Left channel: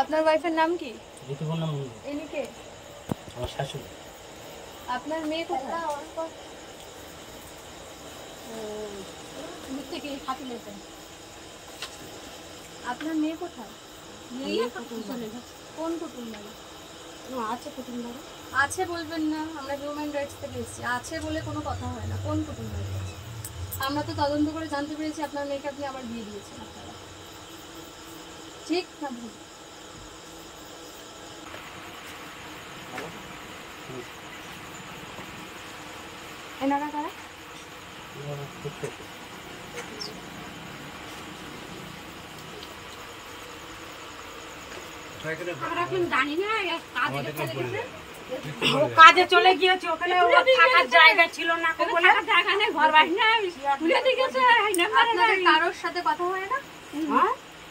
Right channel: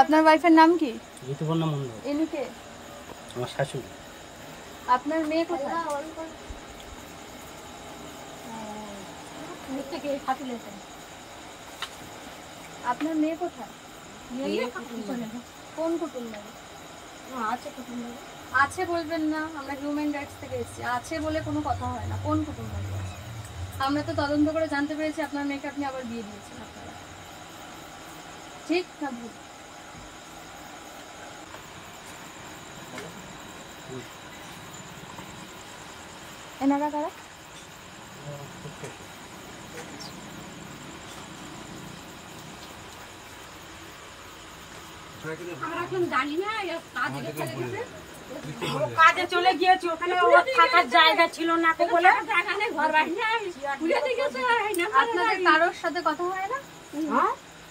আপনার ওয়াইফের নাম কি? ঋতুপর্ণা মন্ডল। ইনি কে? আমার শাশুড়ি। আপনার মেয়ে কোথায়? আপনার মেয়ে কোথায়? কোন কুটুম বাড়ি? আছে কুটুম বাড়ি আছে বলবেন না, আমরা হিউম্যান রাইটস থেকে এসেছি। আছে বলে কোনো কথা হয় না। কোন কুটুম বাড়ি? আমরা তো তদন্ত করে জানতে পেরেছি আপনার মেয়েকে আপনি আবার বিয়ে দিয়েছেন। আপনারা ঠিক না ভুল? এনারা কারা? আমরা এখন জানি না, কাজে চলে গিয়েছে, ওখানে ওর থাকার জায়গা ছিল না বলে ঘর বাড়ি না। আপনাদের কারোর সাথে কথা হয় না?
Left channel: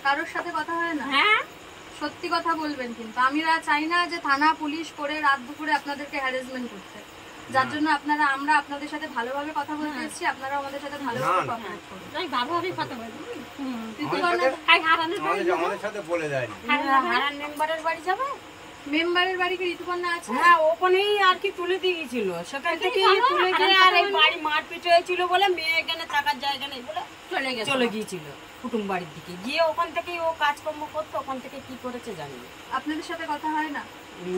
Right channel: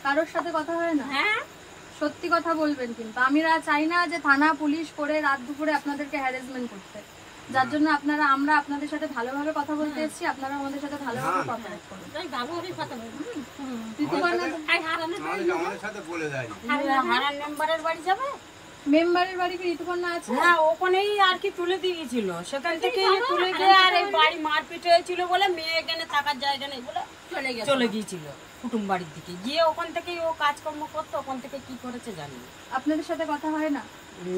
কারোর সাথে কথা হয় না? হ্যাঁ, সত্যি কথা বলবেন কিন্তু। আমরা চাই না যে থানা পুলিশ করে রাত দুপুরে আপনাদেরকে হ্যারাসমেন্ট করতে, যার জন্য আমরা আপনাদের সাথে ভালোভাবে কথা বলতে এসেছি। আপনারা আমাদের সাথে ভালোভাবে কথা বলুন। আমাদের সাথে বলে দেয়নি। হারান মেম্বারের বাড়ি যাবে। মেম্বারের বাড়ি কি ঋতুপর্ণা আছে? হ্যাঁ, ওখানেই আর কি তুলে দিয়ে গেছিল, সেখান থেকে তুলে গিয়ে আর এই বাড়ি মারপিট হয়েছিল বলে মেয়ে এখানে থাকার জায়গা নেই বলে চলে গিয়েছিল কুটুম বাড়ির দিকে। গিয়ে ওখান থেকেই ও কাজকর্ম করতো, ওখান থেকে কি করেছে জানি না। আপনাদের সাথে কথা হয় না?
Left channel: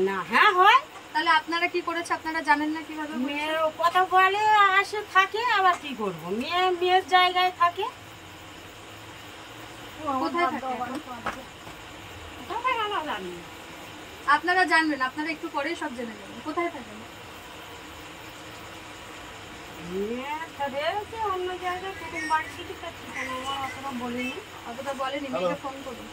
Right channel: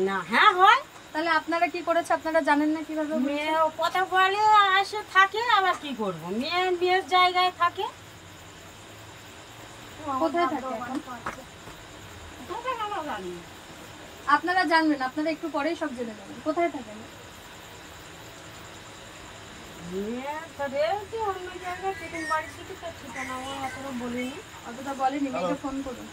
না। হ্যাঁ হয়। তাহলে আপনারা কি করেছে আপনারা জানেন না? কিভাবে মেয়ে কথা বলে আসে থাকে, আবার কি করব, মেয়ের জায়গায় থাকে। কোথায় থাকে এখন? আপনারা জানবেন, আপনারা একটু পরেই সব জেনে নেবেন। কোথায় থাকেন? অন্য জায়গায় কুটুম বাড়ির দিকে, তার ঠিকানা আমার অতটা বলিনি। অতটা বলেনি। মেয়েকে ফোন করুন।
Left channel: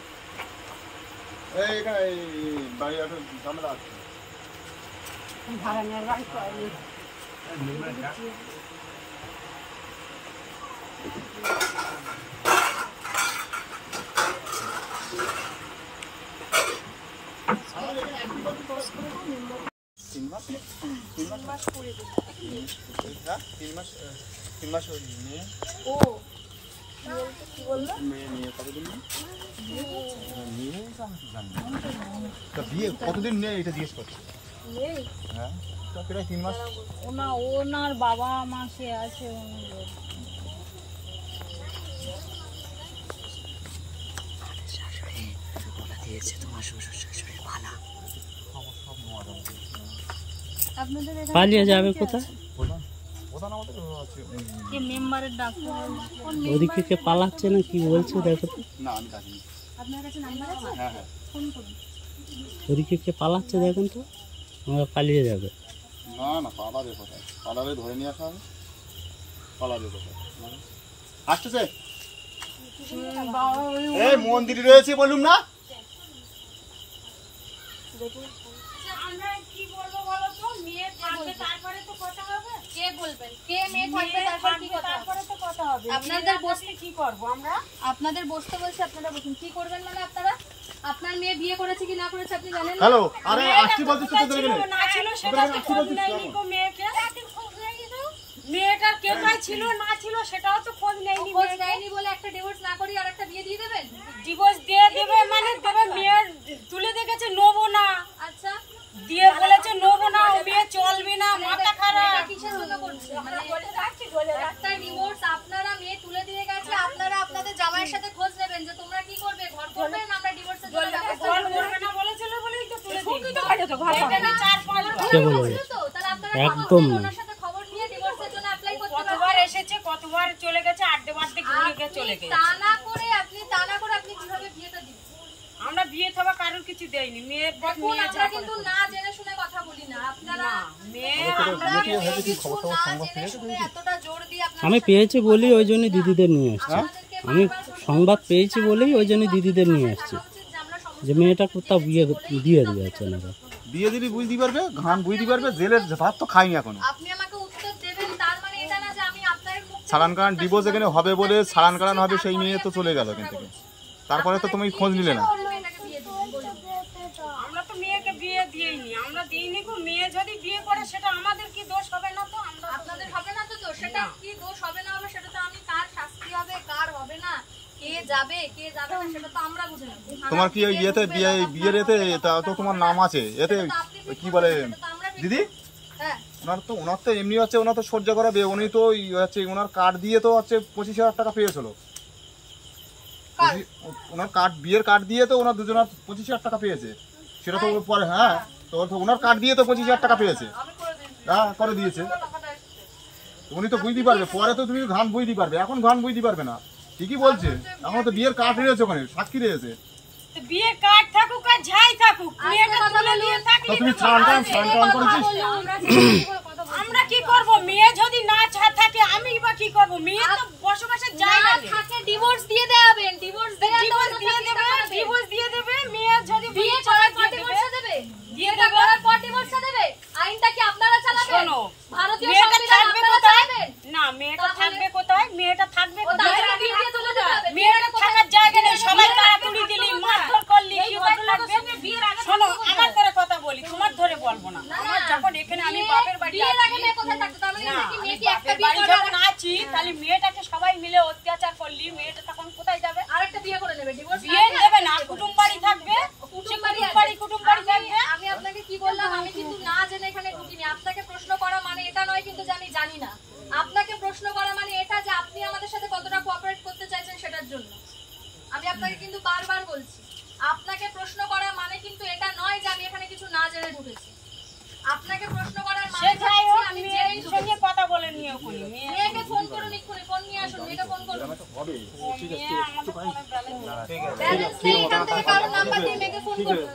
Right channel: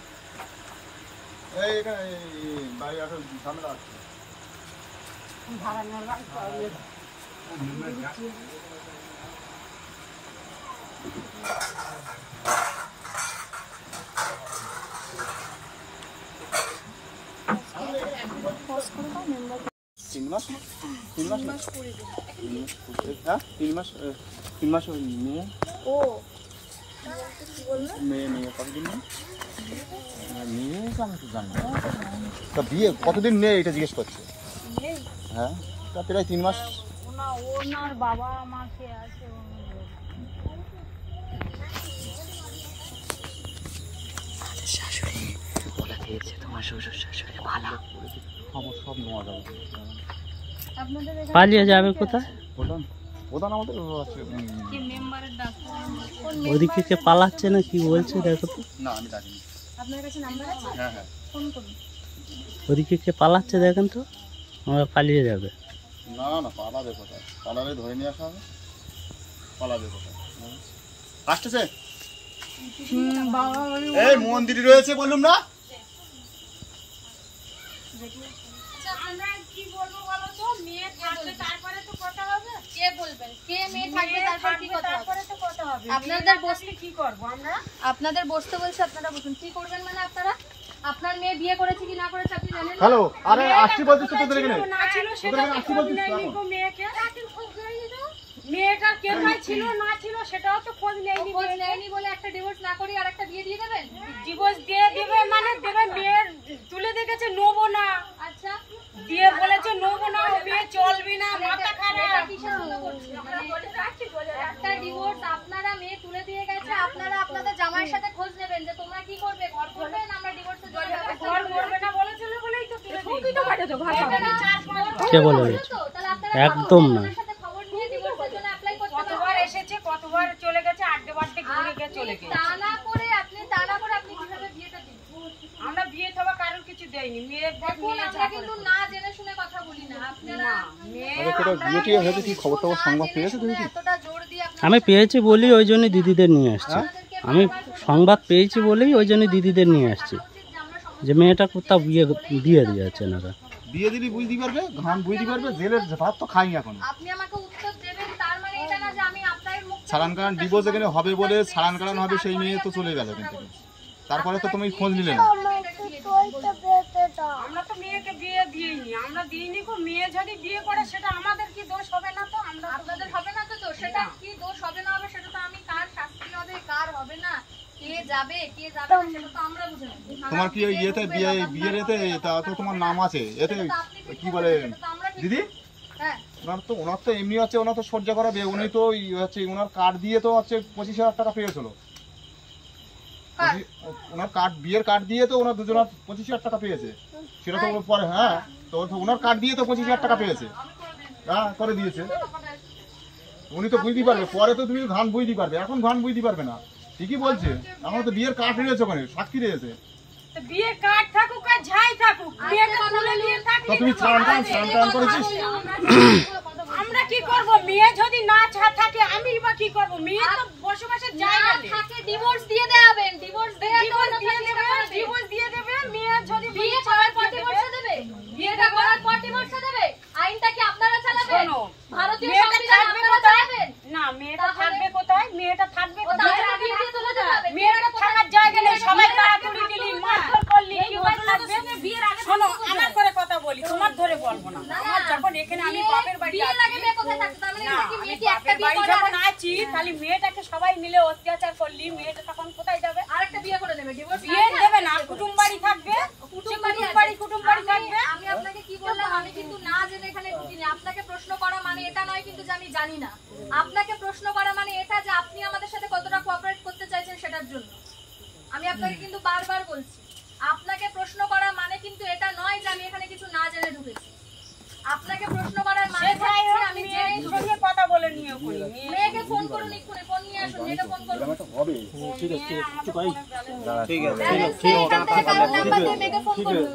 বিয়ে কতদিন নেই এটা জিজ্ঞেস করছে? হ্যাঁ, প্রায় 3 মাস। ওনার বাবা মা সে আছে। শাশুড়ি বলে দিয়েছে তোমার শ্বশুর শাশুড়ি ভালো। আপনাদের পালিয়ে যাবে কোথায়? ওদিকে কে পালাচ্ছে না কি বলছে দেখো তো। না, আমি ডাকিনি। আপনার কাছে নাম্বার আছে? হ্যাঁ হ্যাঁ, ফোন করুন। ওদিকে কে পালাচ্ছে দেখেন তো, আমরা পালিয়ে যাবে। না না, পালাবে কোথায়? পালালে ধরে নিয়ে আসা হবে। পালাবে কোথায়? আসতেছে এই মন্দির রয়েছে বললুম না। আমরা কি বলবো বলো তো? মেয়ে থাকবে তারপরে তো কথা হবে। কে বলবেন? কে মেয়ে থাকবে তারপর কি কথা হবে? তারপরে তো কথা হবে। আপনাদের বসতে কি করব আমরা? আপনাদের বসতে বলছে, আপনারা বসুন। কি করবেন মানে আপনারা? আপনার মেয়ে বিয়ে করেছে কি না করেছে আপনি জানেন না? হ্যালো, আরে আসছি বলছিস তো তোদের এখানে। না ছিল সেটা তো খোঁজ নেয়নি গো মেয়েকে। মেয়েটার কেটাই ছিল না ছিল সেটাও তো খোঁজ নেয়নি। খোঁজ নেয়নি বলে একটা ডিভোর্স না করি আর একটা বিয়ে দিয়ে দেবেন? ডিভোর্স দিয়ে দেবে মানে দেবে, মেয়ের তুলে দেখেছে নেবো না। আচ্ছা, দিয়ে বলেছে নেবো না, ও বিয়ে চলবে না, মাথা খারাপ। কিসের জন্য করছে? মানে একটা ডিভোর্স আপনারা মেয়ে তুলে দিয়ে গেছে, আপনারা আপনাদের জামাইয়ের সাথে খোঁজ নেবেন যে তোমরা কি করবে, ঘর করবে না আমরা ডিভোর্সের জন্য ব্যবস্থা ঘর করব? করবে না বলেছিল বলেই তো তুলে দিয়েছে। এটা 4-5 বার কে বলে গেছে? তো তাহলে আপনারা একদম না। ওনার সাথে খবর নিয়ে ডিভোর্সের জন্য অ্যাপ্লাই করতে কতবার এসেছে, কতবার চলে গেছে, আড্ডে বাড্ডে ঘুরে গিয়ে চলে গেছে। তা না করে আপনি কিভাবে বিয়েটা দিবেন? আমরা বিয়ে থবা কারণ কিছু দেইনি। মেয়ে দেখুন, আমরা কিন্তু না জেনে শুনে কথা বলি না। আপনারা মেয়ে এতটা জোর দিয়ে আমি পেয়েছি বলেই ওই জন্য দিদিদের নিয়ে আসছি। আমি সংবাদ পেয়েছি বলেই ওই জন্য দিদিদের নিয়ে আসছি যে মেয়েটা কোথাও বিয়ে দিয়ে দিয়েছে না। বিয়ে দিবি বুঝতে পারবে, ঘান বুঝতে পারবে, জেলের ভাত তো খাইনি এখনো। আপনি আমাকে উত্তর দেবেন, তার মানে এটা না যে আমি আপনার মুখ থেকে সালান কারান ডিভোর্স এখানে হবে বলে সালান কারান হবে, সেই মেয়ে তো চলে গেল এখান থেকে। তারপরে তো তুমি খোঁজ নিলে না। আমরা তো মেয়েকে বিয়ে দিইনি, আমরা দিইনি গো। মেয়ে যদি বিয়ে করে সেটা আমাদের কি দোষ হবে না? তো আমরা আপনাদের হবে না তো, সেটা কি দোষ হবে না হবে সেটা তো আমি কার শাস্তি হবে কার হবে না কে যাবে না সেটা তো আমরা বুঝে নেব। তোমার কি ওই ইয়েতে বিয়ের এতে তা তো তোমার নাম আছে এতে কি বলে দিদি হ্যাঁ ওনার তো এমনি হচ্ছে ওনার তো সহ্য করাবে উনি তো হচ্ছে ওনার কার্ড দিয়ে তো হচ্ছে 25,000 টাকা পেয়েছিল ওনার কার্ড বিয়ের কার্ড দিয়ে তো ওনার দুজনের 25,000 টাকা পেয়েছে সেটা তো পরে হ্যাঁ তো ওনার কার্ড দিয়ে তো 25,000 টাকা পেয়েছে হ্যাঁ করে দিয়েছে উনি তো বুঝতে পারবে পরে তো তুমি ঘান বুঝতে পারবে এখন ঘান বুঝতে পারবে না ঠিকই বলছে এখন তো বিয়ের কার্ড রয়েছে ওখানে সাক্ষী রয়েছে বিয়ে কার্ড থাকুক আর যাই থাকুক মেয়েটা তুলে নিয়ে থাকলে তুমি চান করেছিস আমরা কি করব মেয়ে যদি না থাকে আমি বা কি করব মেয়ে তো বসবাসের জায়গা নেই থাকে ডিভোর্স দিয়ে দেবেন ডিভোর্স দিয়ে দেবে মেয়ে যদি বিয়ে করার পর ডিভোর্স দেবে বিয়ে করার পর ডিভোর্স দেবে আইনটা কি আপনারা চালাবেন শোনো ভারতীয় মেয়েটা সংবিধান থাকবে আপনারা কোথায় চালাবেন না মেয়েটা থাকবে কোথায় মেয়েটা থাকবে কোথায় বিয়ে দিয়ে তুলে দেবে মেয়েটা থাকার জায়গা নেই সবাই তাড়াতাড়ি দিলি মারধর করলি কি ভালো লাগবে শোনো আমার করে কথা বলি তোমার ধরে বলবো না আমার যখন এখানে আমি বাপের বাড়ি বিয়ের আগে মেয়ে কোথায় থাকতো তার মানে কি মেয়ে কি একটা বাপের বিয়ে বাড়ি করে যখন আছি তাহলে মেয়েটাকে সবাই মিলে অত্যাচার করলি মেয়েটা তখন কোথায় যাবে আরেকটা বিয়ে করে নেবে ডিভোর্স বিয়ে দেবে না কুটুম বাড়ি থাকবে কুটুম বাড়ি থাকবে আমি আপনাকে কি বললাম আমি কিন্তু না জেনে এখানে ঢুকিনি আপনাকে প্রশ্ন করা মানে এটা নয় কিন্তু যে আমি জানি না আপনাকে প্রশ্ন করা মানে এটা যে আপনি আমাদের সাথে কতটা কোঅপারেট করতে চাইছেন সেটার জন্য আমি আপনাকে কিন্তু বারবার বলছি আপনাকে প্রশ্ন করা মানে কিন্তু এটা নয় যে আমি এখানে কিছু না জেনে ঢুকেছি আপনাকে প্রশ্ন করার মানে হচ্ছে আমি জেনেই সঙ্গে কথা বলে নিও কই মেয়েকে ফোন করুন এক্ষুনি ফোন নিয়ে আসুন মেয়েকে ফোন করুন ব্যালেন্স নেই এখান থেকে কারোর নাম্বার দিয়ে মেয়েকে ফোন করুন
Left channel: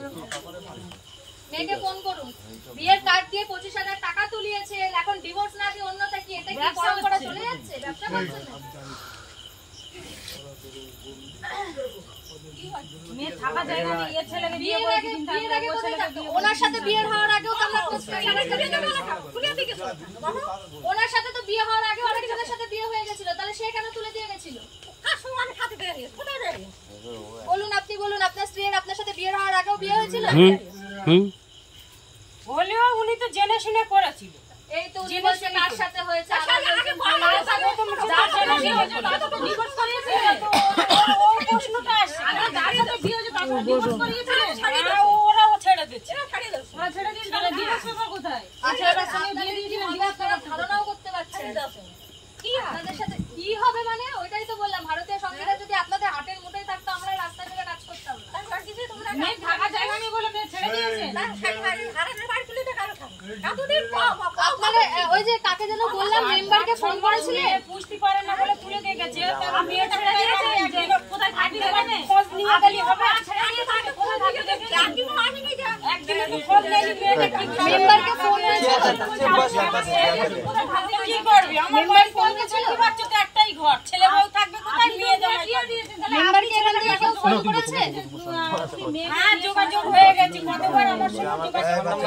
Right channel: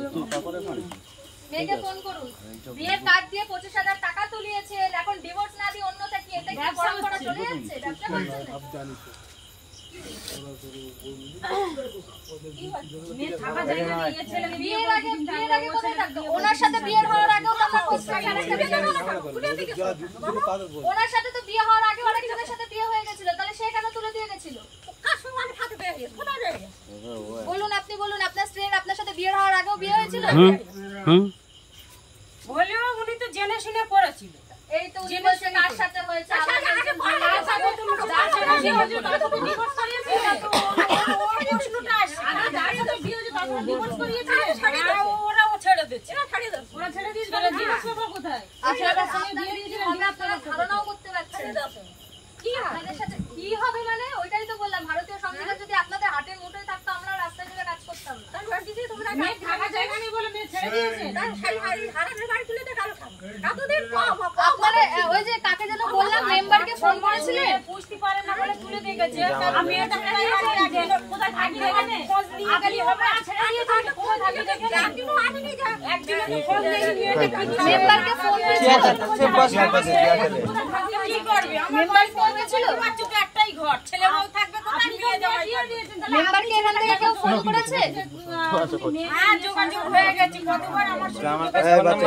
মেয়েকে ফোন করুন বিয়ের কার্ড দিয়ে 25,000 টাকা তুলিয়েছে এখন ডিভোর্স না দিয়ে অন্য থাকি এটা কি পরম্পরা চলে যাচ্ছে ব্যবসা করছেন মেয়ে থাকা জায়গা নেই এই ছেলেকে বিয়ে বিয়ের আগে কোথায় থাকতো ওনার সাথে বিয়ের হওয়ার আগেও তো আমরা খোঁজ পাই ওনার সাথে তো বিয়ে হওয়ার আগে আরেকজনের সাথে বিয়ে হয়ে গেছিল তাহলে সে কেন তুলে দিয়ে গেছিল বলুন আপনি বলুন আপনার স্ত্রীর আপনার সাথে বিয়ে হওয়ার আগেও বিয়ে হয়েছিল হলেও উনি তো জেনে শুনে করেছিল এই তো উনি বলছে কার সাথে হয়েছে ওরাও ছেড়ে দিচ্ছে ধারণাও করতে পারছেন আপনাদের সাথে কি হবে মানে ওইটাই তো বললাম ভারতীয় সংবিধান যদি আপনাদের হাতের মুঠোয় থাকতো আমরা রাস্তায় চলে কাজ করতাম না আপনারা ওই যে কাকে যেন বললাম মেম্বারকে ফোন করেছিলেন বুঝতে পারে না বলে তুলে দিয়ে গেছে তার মেয়েটা কোথায় থাকবে একদিন কোথায় থাকবে খোঁজ নিয়ে গেলি হবে একদিন তো খোঁজ নেই মেয়েটা মেম্বারকে ফোন কি করবি আমার বাড়ি ফোন করেছিল বাচ্চাতে একটাই ঘর ছেলে বউ থাকবে কোথায় মেয়ে জামাই মেম্বার কি এখান থেকে কেউ ফোন করেছে হ্যাঁ যোগাযোগ হয়ে গেছে কতবার আমার সঙ্গে যোগাযোগ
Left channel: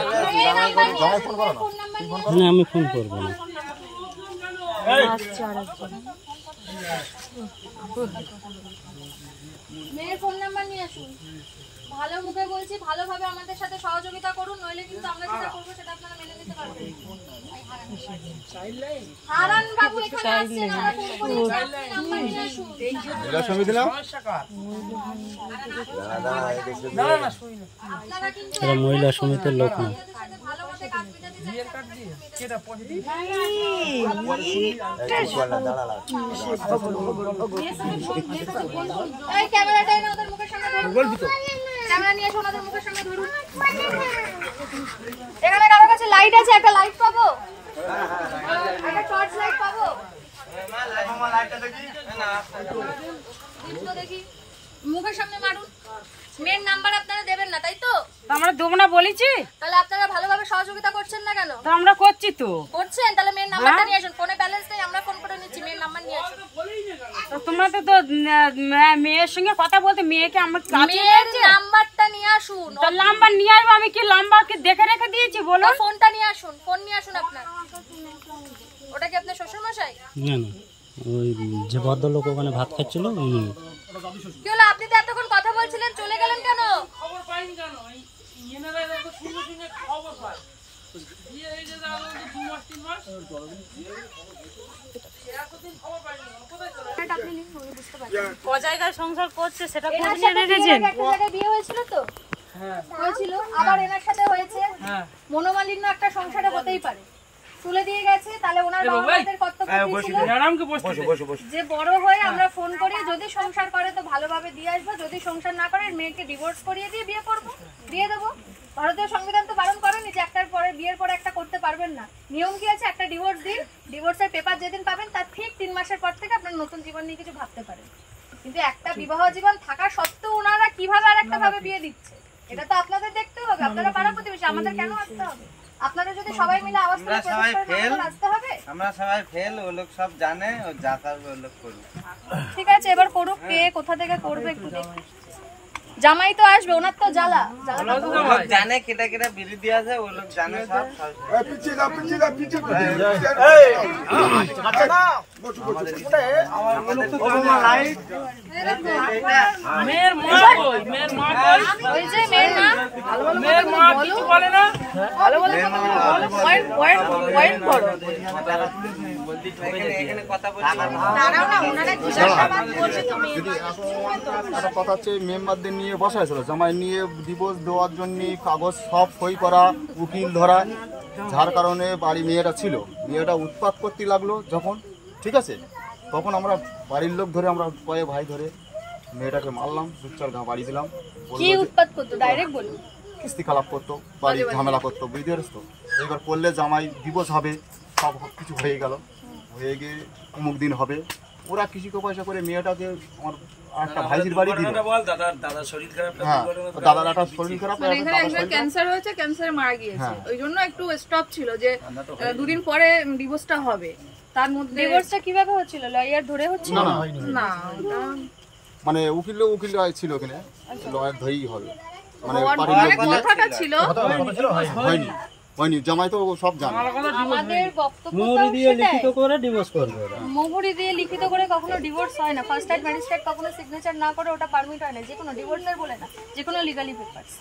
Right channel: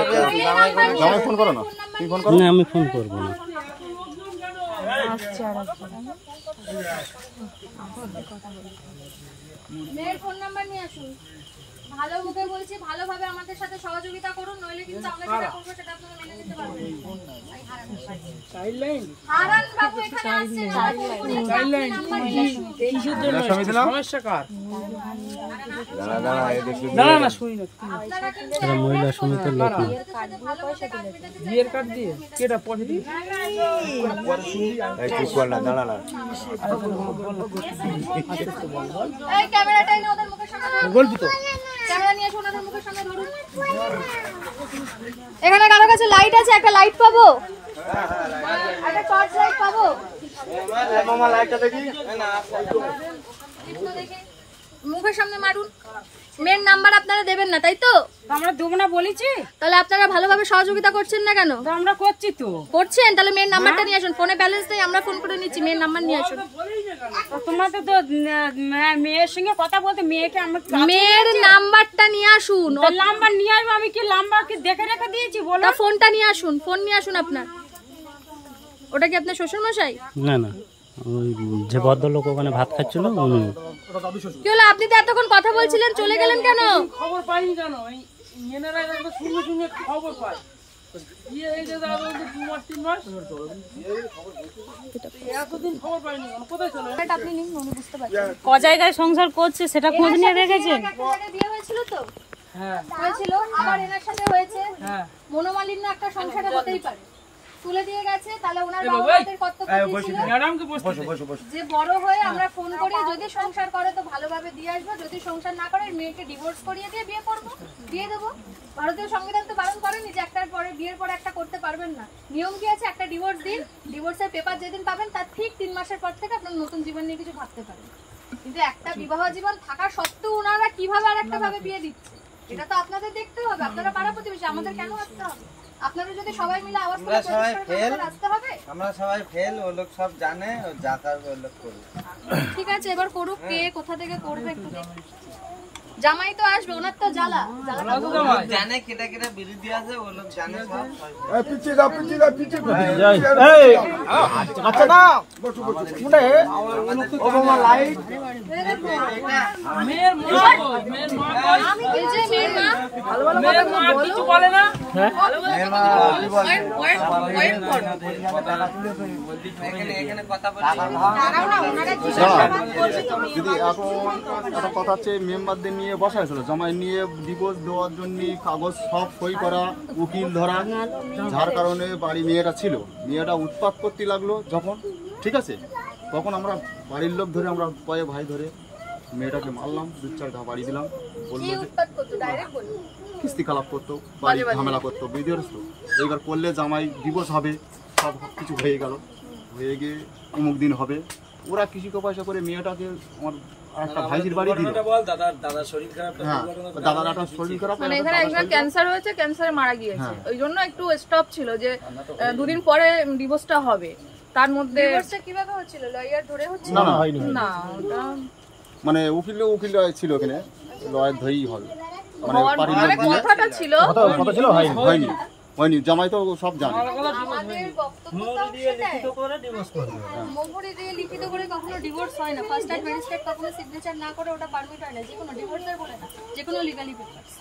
ফোন করো না তুই ফোন না আমি ফোন করবো না মেয়ের ফোন নাম্বার নিয়ে আসুন ভালো মুখে বলছি ভালোভাবে আমাদের সাথে সহযোগিতা করুন নইলে কিন্তু আমরা যেটা করবো সেটা আপনারা মেনে নিতে পারবেন হারান বাবু এখানে আসছেন নাম্বার নিয়ে আসুন আপনারা কিন্তু এরা মহিলা সমিতির লোক না আমাদের সাথে ভালোবেসে কাজ পেতে এই ক্যামেরাটা এনে ওদের মুখের সামনে ধরুন বলবি তো ক্যামেরা নিয়ে এসে ওদের মুখের সামনে ধরুন এখানে কারোর কাছে লাইট আছে একটা লাইট পাবো একটা টর্চ লাইট পাবো মামা লাইটটা দেখি না দেখি মুখের সামনে মারুন মেন নাম্বার আপনারা দেবেন না তাই তো আমরা দেবো না বলেছি তাহলে আপনারা ভালোভাবে সহযোগিতা করছেন না কেন তো আমরা করছি তো করছেন তাহলে মেন নাম্বারটা নিয়ে আসুন ফোনে ব্যালেন্স নেই আমরা ফোন করে নিচ্ছি মেন নাম্বার নিয়ে আসুন তো তোমরা তো মেয়ের সঙ্গে কথা বলতে মেয়েকে আমরা মেয়ের নাম্বারটা নিয়ে আসুন তো নাম্বার নিয়ে আসবো আমি কি নাম্বারকে দেখে রেখে দিয়েছি বলো ফোনটা নিয়ে আসুন ফোন নিয়ে আসুন আপনার ওটা কি আপনার শ্বশুর মশাই না না ওই যে ভদ্রলোক ওখানে ভাত খাচ্ছিল উনি কি হলো আপনি তো এতক্ষণ কথা বলছিলেন চলে গেলেন কেন খবর পাইনি কেন এই মেয়েরা শুনে শুনে খবর পাই আপনি নিন, উনি বুঝতে পারছেন। ক জায়গায় সংসার করছে সেটা খোঁজ নিয়ে দেখেছেন? একটা জায়গায় বিয়ে হয়েছিল তো, হয়েছিল, আবার এনার সাথে হয়েছে। মনোমালিন্য একটা সংসারে হতেই পারে। তুলে দিয়ে গেছে, তাহলে ওনার বাবা-মাদের কর্তব্য কি ছিল? যে বড় হয়ে আমরা ফোন করি, যদি সংসার করে তো ভালোভাবে দিয়ে আসবো, যদি সংসার না করে মেয়েকে ডিভোর্স করিয়ে দিয়ে বিয়ে করবো, দিয়ে দেবো। ভারতীয় সংবিধান তো বারণ করেনি যে একটার পরে বিয়ের পরে একটা করতে পারবেন না। নিয়ম কি আছে? একটা ডিভোর্স দিন, ডিভোর্সের পেপার যেদিন পাবেন তার ঠিক 3 মাসের পর থেকে আপনার নতুন জীবন নিয়ে কিছু ভাবতে পারেন। কিন্তু একটা বিবাহ জীবন থাকা সত্ত্বেও ওনারা কিভাবে আর একটা ভাবে বিয়ে দিচ্ছে, এটা তো আপনাদের দেখতে হবে। আপনারা পাড়া প্রতিবেশী, আমাদের কেন আসতে হবে? আপনারা যদি সবাই মিলে আওয়াজ করে আসতে হবে। আমরা সবাই ফেল, ও লোক সব জানে, ও যা থাকবে ও লোক করবে। ঠিক আছে, এবার করুক, কে কোথা থেকে করবে একটু দেখি। জামাই তো আসবে, ওনার তো জ্বালা জানে কেটে কেটে বিড়ি দিয়ে আছে, ও লোক জানে সব। এখানে কথা বলছি। একটা কথা হচ্ছে, মেম্বারদের নিয়ে বসা হয়েছিল, জামাই নিয়ে ডিভোর্স দেওয়ার জন্য কাগজ সব সই করা, উকিল ধরা, যার কারণে বাড়ি মেয়েটা ছিল, মেয়েটা উৎপাত করতে লাগলো যখন, ঠিক আছে, তখন আমরা বাড়ির লোক ধরে, আমরা কয়েক ভাই ধরে মেয়েটাকে মারলাম, 2-4 ঘা বাড়ি দিলাম। বললো যে কিস্তি খারাপ করতো, বাড়ি ঝামেলা করতো, বুঝতে পারছ তো। এইবার করলে জামাই ডিভোর্স হবে, সব কিছু হয়ে গেল, হয়ে গিয়ে অমুক দিন হবে। ওরা কিছু পয়সা করে মেয়েটাকে আমার একটা ভাইজির বাড়ি দিল। হ্যাঁ, দাদার একটা শরীর খারাপ, এখানে একজন ক্যান্সার হয়েছে, ক্যান্সারে মারা গিয়েছে, ওই জন্য একটু স্টপ ছিল যে 2 দিন পরে ডিভোর্সটা হবে। তার মধ্যে ডিভোর্সটা কিভাবে হচ্ছিল? লয়ার ধরে হচ্ছিল? না, ওটা মানে উকিল ছিল ওখানে, লয়ার ধরেই হবে, মানে কথাটা ছিল, হয়নি। জামাই তো সব জানে। আমাদের বক্তব্য মোহরি দিয়ে লিখিত করে ডিভোর্স করবে। মোহরি দিয়ে লিখিত করে কখনো ডিভোর্স হয় না। ফার্স্ট টাইম ম্যাজিস্ট্রেট কখনো সিগনেচার না করে ওটা পারমিট হয় না, যে কোনো ডিভোর্সের বলে না, যে কোনো লিগালি পেপারস।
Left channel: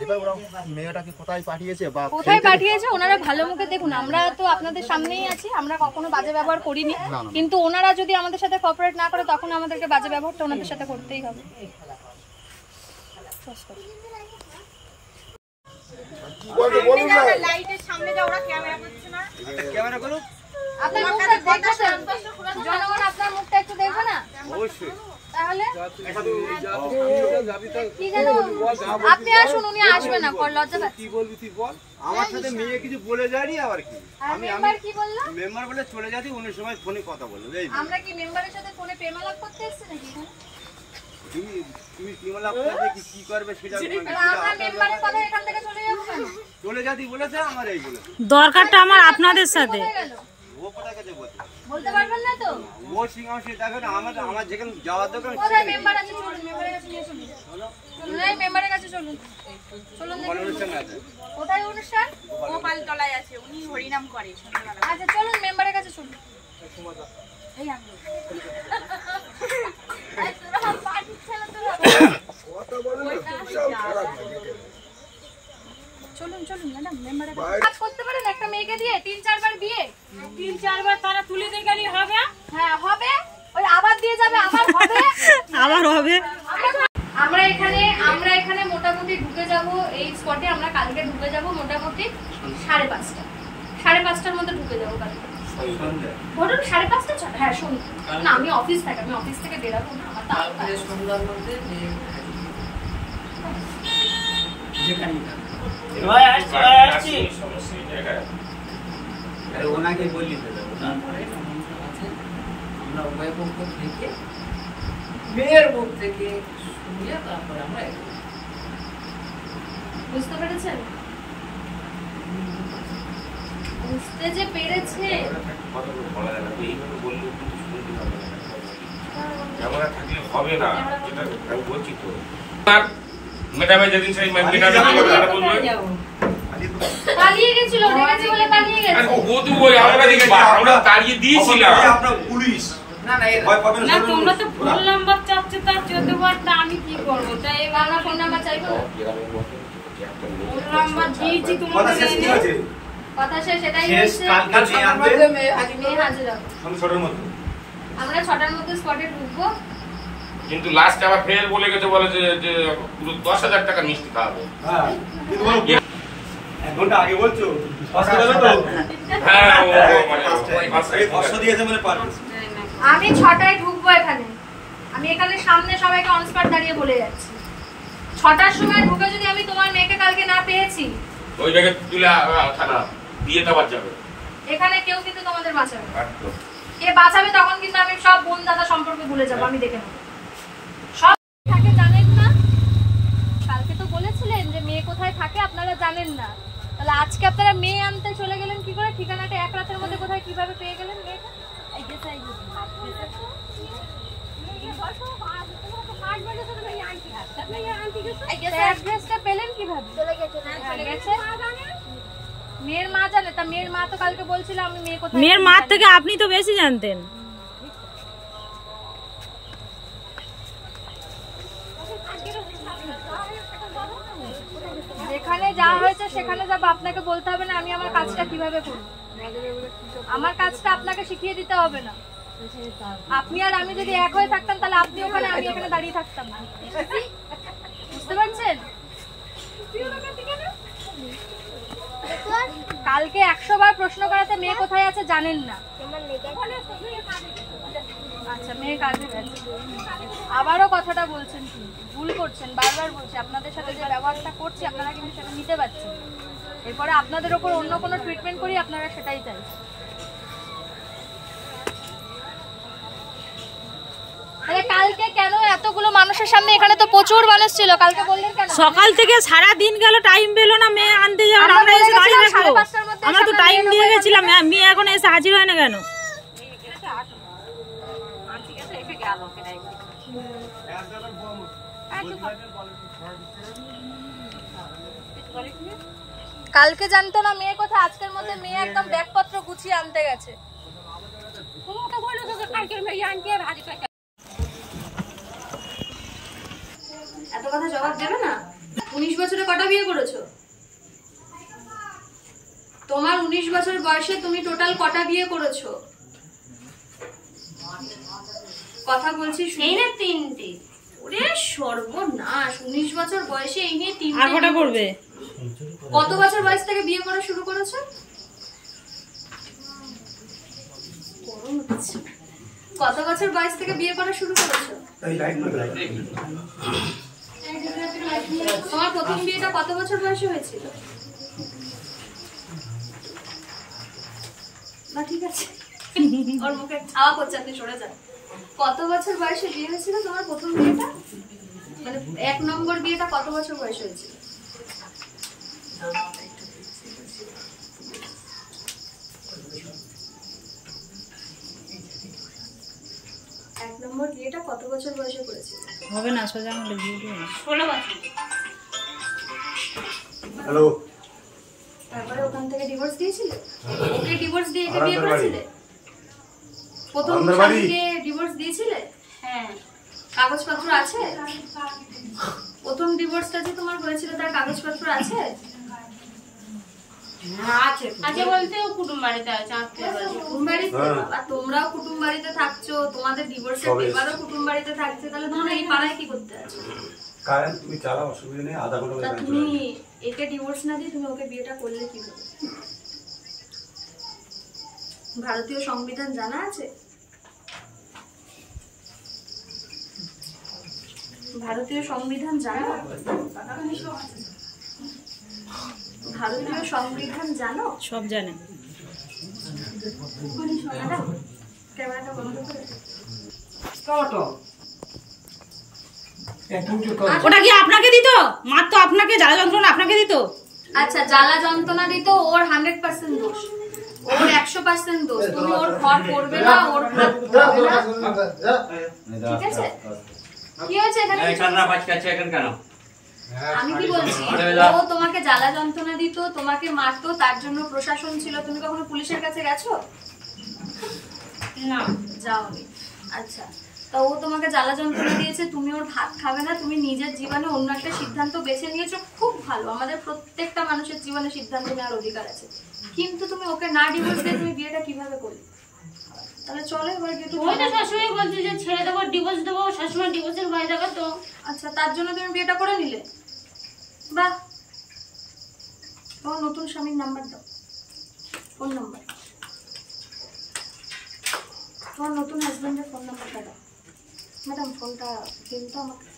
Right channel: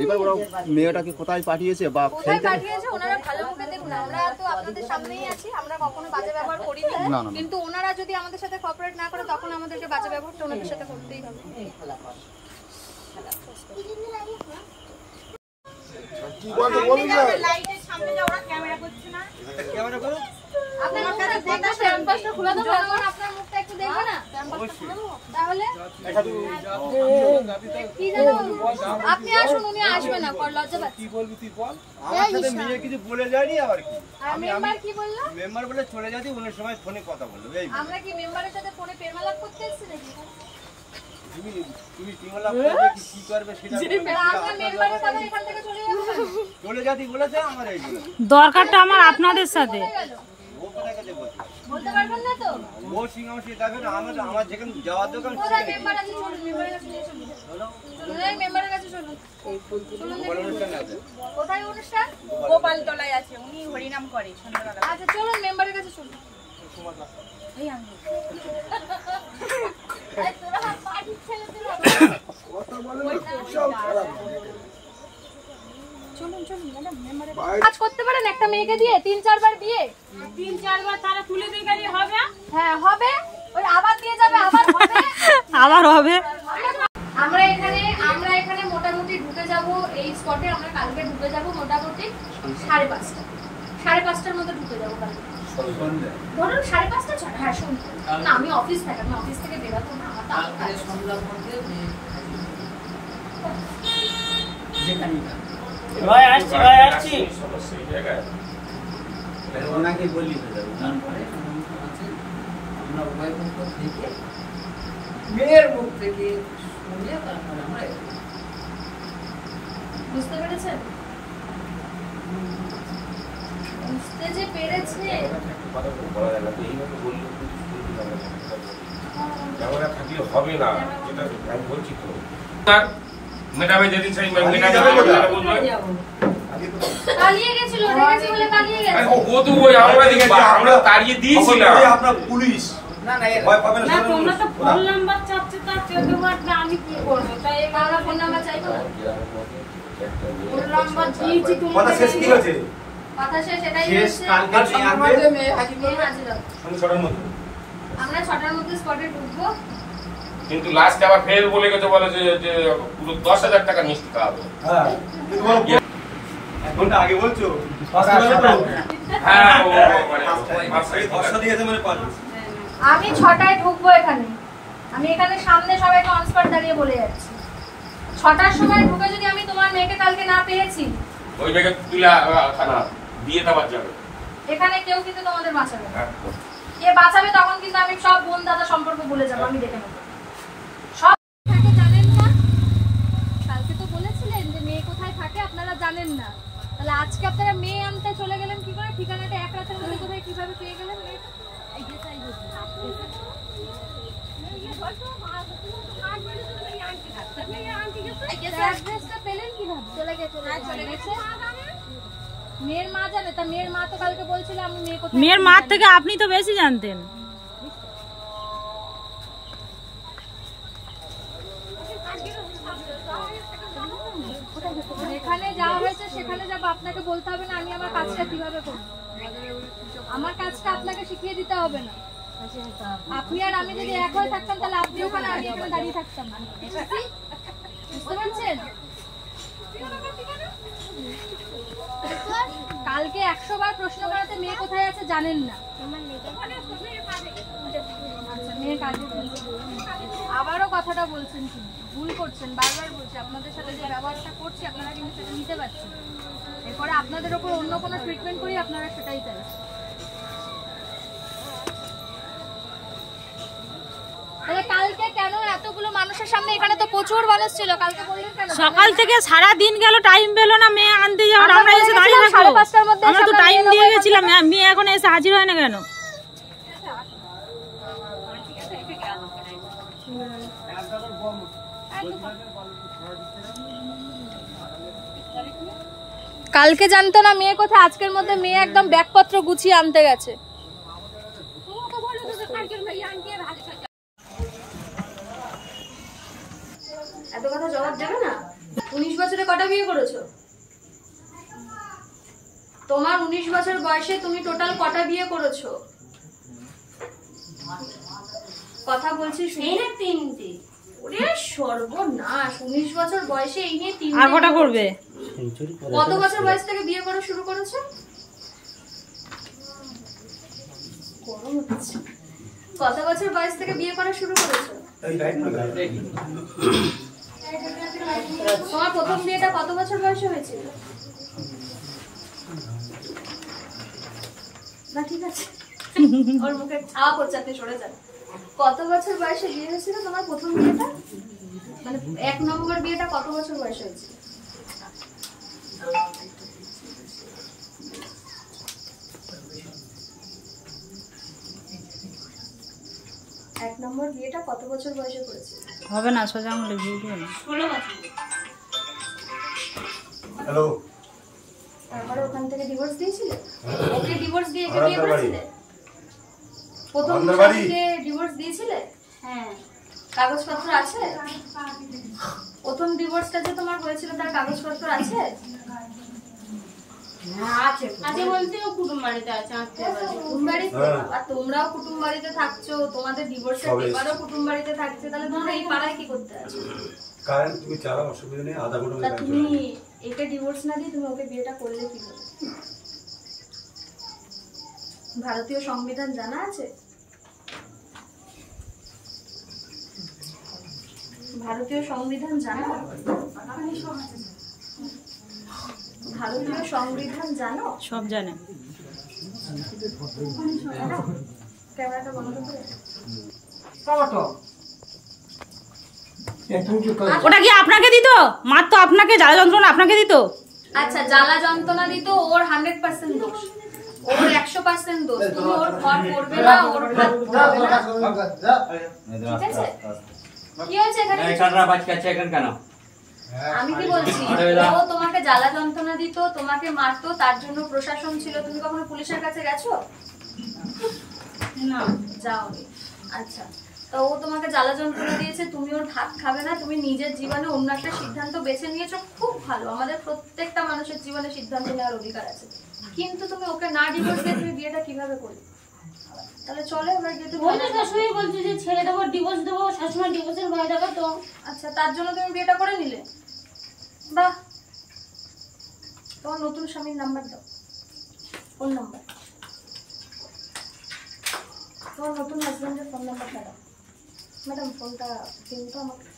এইবার ওরা মেয়েটাকে কোথায় পাঠিয়েছে বা কোথায় পাঠিয়েছে ওনারা ভালো মুখে দেখুন। আমরা তো আপনাদের সামনেই আছি, আমরা কখনো বাজে ব্যবহার করিনি, কিন্তু ওনারা যদি আমাদের সাথে কোঅপারেট না করে তখন আমাদেরকে বাজে ব্যবহারটা ওনাদের সাথে করতেই হবে। লাইটের সামনে যা ওরা ক্যামেরা করছে না, ক্যামেরা করুক। আপনার জনগণ আপনার মুখটা একটু দেখবে না? অবশ্যই। তাহলে কি জানো, আপনি আসুন, উনি আসবে না, লজ্জা পাচ্ছে। কি বলবি তুই বল? আমার সাথে মেয়ে কিছু বলে যায়নি, আবার কি মেম্বার কি বললো? মেম্বার বলে চলে যাতি, অন্য সময় ফোনে কথা বললো। এই আমরা কি মেম্বারের সাথে ফোনে প্রেমালাপ করতে এসেছি নাকি এখানে? তুমি টিমালা করবে কি করবে সেটা আমরা মেম্বারের কথা এখান থেকে চলে যাবো কেন? চলে যাতি বলেছে, আমার এই বলে দরকারটা আমার আপনাদের সাথে। ও কোথায় কাছে বলছে, বলতে পারবেন না তো? ও সিং আমার সে দেখে না, আমার যেখানে যাওয়ার দোকান কোথায় মেম্বার আছে? চলুন মেম্বারের কাছে নিয়ে চলুন। চলুন, এই মেম্বারের কাছে চলুন। চলুন দেখি। অনুষ্ঠান আছে। কোথায় অনুষ্ঠান? গোপাল তলায় আছে, উনি হরিনাম করে সন্ধ্যাবেলা। আচ্ছা চলুন মেম্বারের কাছে চলুন। এই আমি চলুন চলুন ম্যাডাম, মেম্বারের কাজ করতে পারেন একটা মেয়েকে দিয়ে 3-4 বার বিয়ে, 3-4 বার তারা তুলে দিয়ে গেলে হবে। হ্যাঁ হবে, ওই আবার দিয়ে যাবে, আবার হবে, আবার হবে। আমরা এখানে মোটামুটি ঢুকে যাব এই স্পটে। আমরা কালকে ঢুকে যাব মোটামুটি 5:30 5:30টার মধ্যে ঢুকে যাবো কালকে। ধরুন 5:30 হ্যাঁ সন্ধ্যে না, আমি অফিস থেকে বেরাবো না, আমার তো সন্ধ্যার মধ্যে ওনাকে বললি আমরা উভয় পক্ষ থেকে মেয়ের মুখ থেকে শুনে তারপর আমরা বুঝতে পেরেছেন? বুঝতে যে পেরেছে। হবে না, যেটা আমি বলছি তো ম্যাডামে যেদিন সেই পালিয়ে গেছিল, দেখেছি বলে পালিয়ে গেছে। ও তো ওই আমরা তাড়িয়ে দিয়েছিলাম। আপনার পুলিশ না না, তোমরা তো ফোন নাম্বার চাচ্ছে, তার 14 বারটা আমি কি করবো? তাই আমরা ফোন নাম্বার চাইবো না। নাম্বার দিয়েছি কথা তোমাকে শেষ কি হয়েছে? কথা শেষ এটাই শেষ হচ্ছে কালকে মেয়ে আনবে মেয়ে হাজির হবে। সন্ধ্যে 6টার মধ্যে। আমরা 6টার মধ্যে স্পটে ঢুকবো। কিন্তু লাস্ট আবার ফের বলে গেছে, বলে যে পুরো 10,000 টাকা মিষ্টি খাওয়াবে। হ্যাঁ কিন্তু বলো 1 ঘন্টা আগে বলছো আসতে হবে তো। হ্যাঁ ও এই 500 দিয়েছে মানে পারবে। আমি 6টায় ঢুকবো এখানে। আমি এখানে সামনে সবাইকে অন স্পট দাঁড়িয়ে বলে যাচ্ছি, 6টার সময় ঢুকে যদি আমি তোমার মেয়েকে কালকে না পেয়েছি, ওই জায়গায় তুলে থানা দিয়ে দেওয়ার যাবে। এখানে কেউ কিন্তু তোমাদের বাঁচাবে না। একদম। কে বাঁচাবে তখন কিন্তু আমি সব বোন দাদা সম্পর্ক ভুলে যাবো, আমি দেখে নেবো। সব থাকে জানেন না, কালকে তো বলেছিলেন যে মেয়ে কোথায় থাকে আপনারা জানেন না, তাহলে আজকে আপনারা মেয়ে আনতে চলে গেলেন কি করে? ঠিকানাটা এক রাতের মধ্যে কোথায় কিভাবে পেয়ে গেলেন মেয়েটা? অ্যাড্রেসটা পেলেন কিভাবে? মেয়ের মা জানে, তা মেয়ের মা তো কালকে বলছিল আমি মেয়ে কোথায়। মেয়ের মার থেকে আপনি তো বেশি জানতেন। যেখানে যা হয়েছে সেখানে যাবো, আপনাকে বলতে হবে না আমি আমার কাজটা কিভাবে করব। আমার কাজটা আপনাকে শিখিয়ে দিতে হবে না। আপনি আর আমি যদি এক হয়ে থাকতাম তাহলে আপনি ওখানে আমি এখানে দাঁড়িয়ে থাকতাম না, বুঝতে পারছেন? কালকে 100 বার প্রশ্ন করাতে মেয়ে কোথায় আছে জানেন না। আচ্ছা মেয়ে কাজে গেছে, আবারও কথাটা বলছেন কিন্তু ভুল করছেন। বারবার বলছি আপনাদের সাথে যে ব্যবহারটা করছি আপনারা কিন্তু সেটা নিতে পারছেন। এরপরে আপনাদের ওপর অন্য কোনো ট্রিটমেন্ট করি আপনারা সেটাই চাই। কালকে কেন এতগুলো মানুষের সামনে? এখানে তো প্রচুর মানুষ ছিল, কালকে বললেন কেন? সকাল থেকে সারা দিন গেল, টাইম পেলো না মেয়ে আনতে যাওয়ার, আমরা এসে দাঁড়িয়ে থাকবো। আমরা তো টাইম দিয়ে গেছিলাম, মেয়ে এখন এসে হাজির হয় না কেন? কালকে জানতো না মেয়ে কোথায়, আজকের মধ্যে মেয়ে একদম ব্যাগপত্র গুছিয়ে আনতে গেছে। এত কথা জবাব দেবে না। 19 বছরে কটা বিয়ে করেছো? তোমার 19 বছর বয়সে তুমি টোটাল কটা বিয়ে করেছো? কথা বলছি এই না 3টে। ওরে সর্বনাশ, 19 বছর বয়সে এই নিয়ে 3টে। আর কটা করবে? কত বছর বয়স থেকে বিয়ে করা শুরু করেছো? কত বছর বয়স থেকে বিয়ে করা শুরু করেছো? তোমার প্রথম বিয়েটা কত বছর বয়সে হয়েছিল? না ঠিক আছে, ওর মুখে ছাওয়া করছে, আপনি সরে যান। কত বছর বয়সে বিয়ে হয়েছিল তোমার প্রথম বিয়েটা? মানে 1 নম্বর বিয়েটা কত বছর বয়সে হয়েছিল? এক নম্বর বিয়েটা কত বছর বয়সে করেছিল? হবে না, সোজা আঙুলে ঘি দিও না। 16 বছর। হ্যালো, তারপরে ওখান থেকে ডিভোর্স দিয়েছিলে? ওকে ডিভোর্স দিয়ে একে বিয়ে করেছিলে? প্রথম স্বামীকে ডিভোর্স দিয়েছিলে? হ্যাঁ। কাগজপত্র আছে? প্রথম ডিভোর্সটা যে তোমার হয়েছিল তার কাগজপত্র আছে? তোমরাও কুটুম বাড়িতে থাকছো, তোমাদের ডিভোর্সের পেপারও কুটুম বাড়িতে থাকছে, তাহলে তোমরা এই পাড়ায় কি করতে আছো? কারণ তুমি চালাও, অসুবিধা নেই, আধা ঘন্টা। তুমি একে ডিভোর্স না দিয়ে তুমি ওকে বিয়েটা করলে কিভাবে? ভারতীয় সংবিধান জানা আছে? ভারতীয় সংবিধান জানো? ভারতীয় সংবিধান জানো? সব জানে। ক্যামেরাটা বন্ধ করে। ওটা কি আপনাকে দিত? মার তো আপনাকে, জ্বালা যন্ত্রণা আপনাকে দিত। আচ্ছা, জ্বালা যন্ত্রণা দিত, ওর 100% দোষ, ওর 100% দোষ। তুমি ওর ঘর করবে না, ওর ভাত করবে না, ঠিক আছে? কি হয়েছে এখানে? কেন? আমি কি বলছি, ও তোমাকে জ্বালা যন্ত্রণা দিত, তোমাকে মারতো, তার জন্য প্রশাসন ছিল। তুমি কখনো পুলিশের কাছে গেছো? না, যাওনি। আচ্ছা, তা ও তোমাকে জ্বালা যন্ত্রণা দিয়েছে, তুমি ওর ভাত খাবে না, তুমি নিজের জীবনে অন্য একটা সিদ্ধান্ত বেছে নিয়েছো, খুব ভালো। আমাদের প্রত্যেকটা মানুষের জীবনে সিদ্ধান্ত নেওয়ার অধিকার আছে, কিন্তু তুমি ওকে না ডিভোর্স দিয়ে তুমি বিয়েটা কিভাবে করলে? তাহলে চলো এবার একটু ওইটা শাশুড়ি বলছে যে ছেড়ে দেবো, ডিভোর্স দেবো, শাশুড়ি ডিভোর্সের ভয় দেখাতো। আচ্ছা, তার জন্য তুমি বিয়েটা করে নিলে? বাহ। তোমার নতুন স্বামীর নাম্বার দাও, ফোন নাম্বার, তোমার নতুন হাজবেন্ডের ফোন নাম্বারটা দাও। ম্যাডাম ফোনটা দিন তো আমাকে।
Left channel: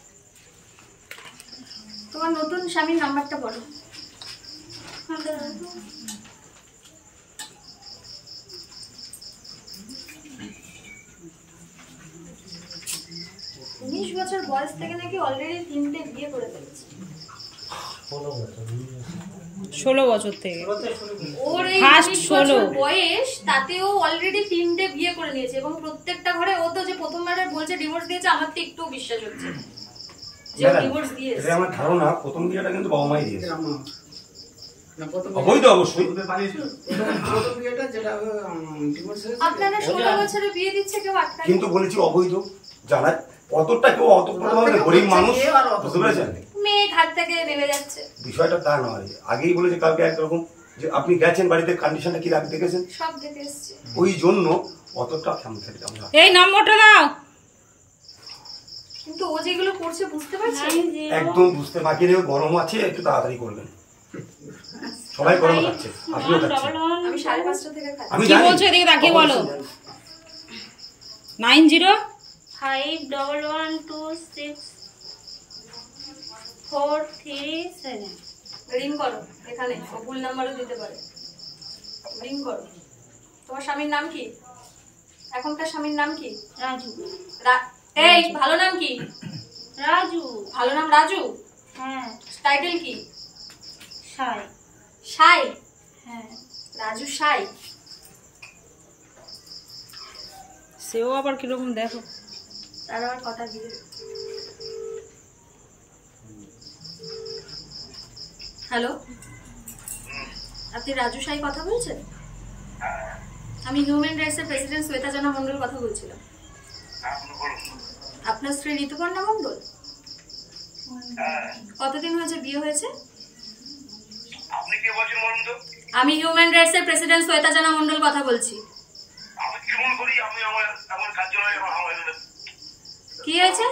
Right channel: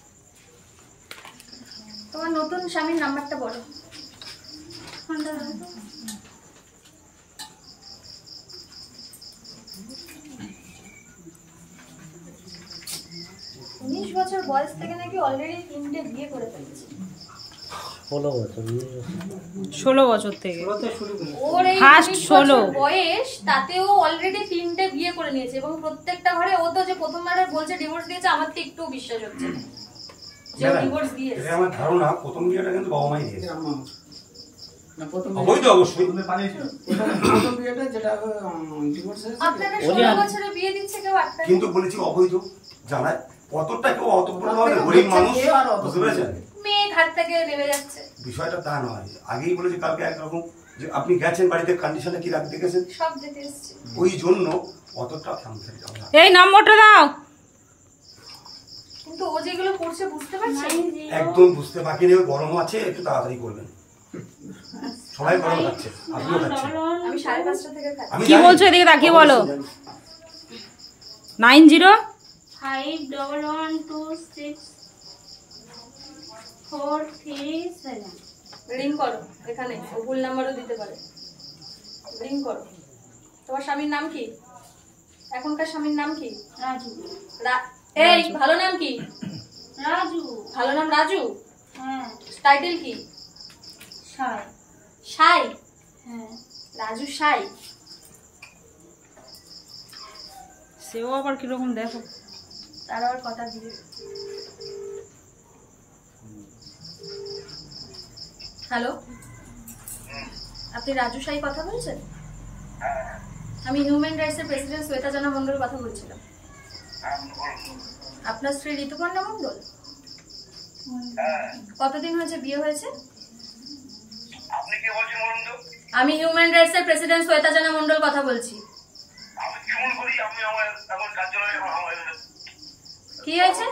তোমার নতুন স্বামীর নাম্বারটা বলো। ফোনটা দাও তো। 19 বছর বয়স থেকে নাকি অলরেডি 3টে বিয়ে করে ফেলেছে। 16 বছর থেকে ওর এই First 19 বছর 16 বয়স, তাতেও অলরেডি 3টে বিয়ে করে নিয়েছে, এবং প্রত্যেকটা ঘরে ও তো যে প্রথমবার বলছে ডিভোর্স দিয়েছে, আমার তো একটু বিশ্বাস হচ্ছে না যে ডিভোর্স দিয়েছে। এটা আমার ধারণা প্রথম বিয়েটা কিন্তু বাবা মাই দিয়েছে। অবৈধ অবশ্যই। আপনারা 16 বছরে বিয়ে দিচ্ছে, কেউ আটকায় কিন্তু বলেছি অবৈধ, জানা কতটা কেউ অত গরিব মানুষ, বুঝতে পেরেছেন? মেয়ে ঘাট থেকে নেমে যাচ্ছে, বিষয়টা তা নয়। আগেই বলেছে কালকে একরকম যে আপনি গেছেন বাড়িতে, কন্ডিশনটা কি রাখতে দেখেছেন, সব দেখে এসেছি। ওই জন্য অতটা খেমে আমরা। এই নম্বরটা দাও। কিন্তু ও যেগুলো করছে বুঝতে পারছেন? একদম বুঝতে বাকি নেই, গরম আছে, একটু তাড়াতাড়ি করবেন। সবাই গরম খাচ্ছে, আপনিও খাচ্ছেন। আমি 5:30 থেকে খাচ্ছি। আমি কি বলছো এদিকে তাকিয়ে বলো। 9051264337 রিং করো এখানে, ও ভুল নাম্বারও দিতে পারে। রিং করো। তোমার স্বামীর নাম কি? এখনকার স্বামীর নাম কি? রাজু। এই ভালো নাম কি? রাজু। ভালো নাম রাজু? হ্যাঁ। টাইটেল কি? সাই। সাই? হ্যাঁ। রাজু সাই। সেও আবার কিরকম দেখো, তার আবার কথা দিবে। হ্যালো, আপনি রাজু সাই কথা বলছেন? আমি হিউম্যান রাইটসের প্রেসিডেন্ট শ্বেতা জানা মন্ডল কথা বলছিলাম। আপনার স্ত্রী ঋতুপর্ণা মন্ডল? কতদিন হয়েছে বিয়ে হয়েছে? আমি হিউম্যান রাইটসের প্রেসিডেন্ট শ্বেতা জানা মন্ডল কথা বলছি। কি হয়েছে?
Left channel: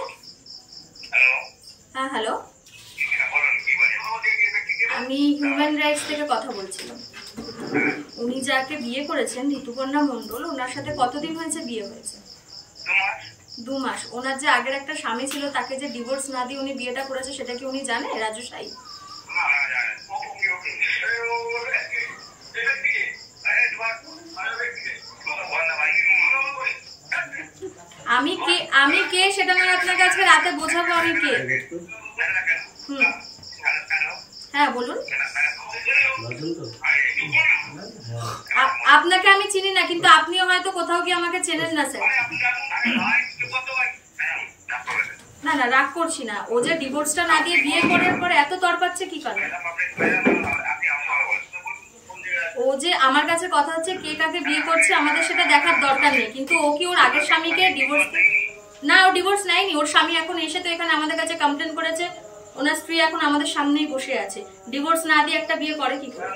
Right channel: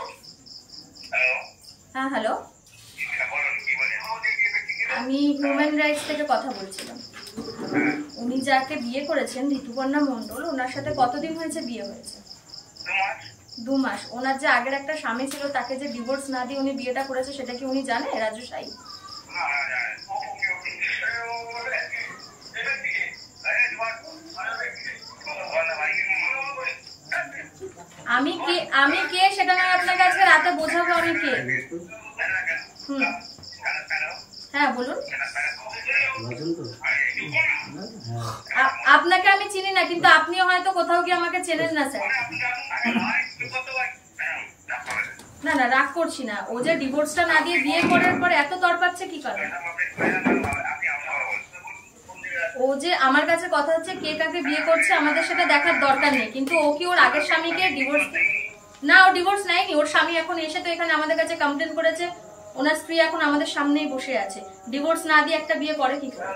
হ্যাঁ হ্যালো, আমি হিউম্যান রাইটস থেকে কথা বলছিলাম। উনি যাকে বিয়ে করেছেন ঋতুপর্ণা মন্ডল, ওনার সাথে কতদিন হয়েছে বিয়ে হয়েছে? 2 মাস। ওনার যে আগের একটা স্বামী ছিল, তাকে যে ডিভোর্স না দিয়ে উনি বিয়েটা করেছে, সেটা কি উনি জানে রাজু সাই? আমি কে সেটা না আপনাকে আজকে রাতে বোঝাবো আমি কে। হ্যাঁ বলুন। আপনাকে আমি চিনি না, কিন্তু আপনিও হয়তো কোথাও গিয়ে আমাকে চেনেন না স্যার। না না, রাগ করছি না। ও যে ডিভোর্সটা না দিয়ে বিয়ে করার পরে এত তরপাচ্ছে কি কারণে? ও যে আমার কাছে কথা হচ্ছে কে কাকে বিয়ে করছে, আমাদের সেটা দেখার দরকার নেই, কিন্তু ও কি ওর আগের স্বামীকে ডিভোর্স? না, ও ডিভোর্স নেয়নি। ওর স্বামী এখন এসে তো এখানে আমাদের কাছে কমপ্লেন করেছে, ওনার স্ত্রী এখন আমাদের সামনেই বসে আছে। ডিভোর্স না দিয়ে একটা বিয়ে করে কি করে?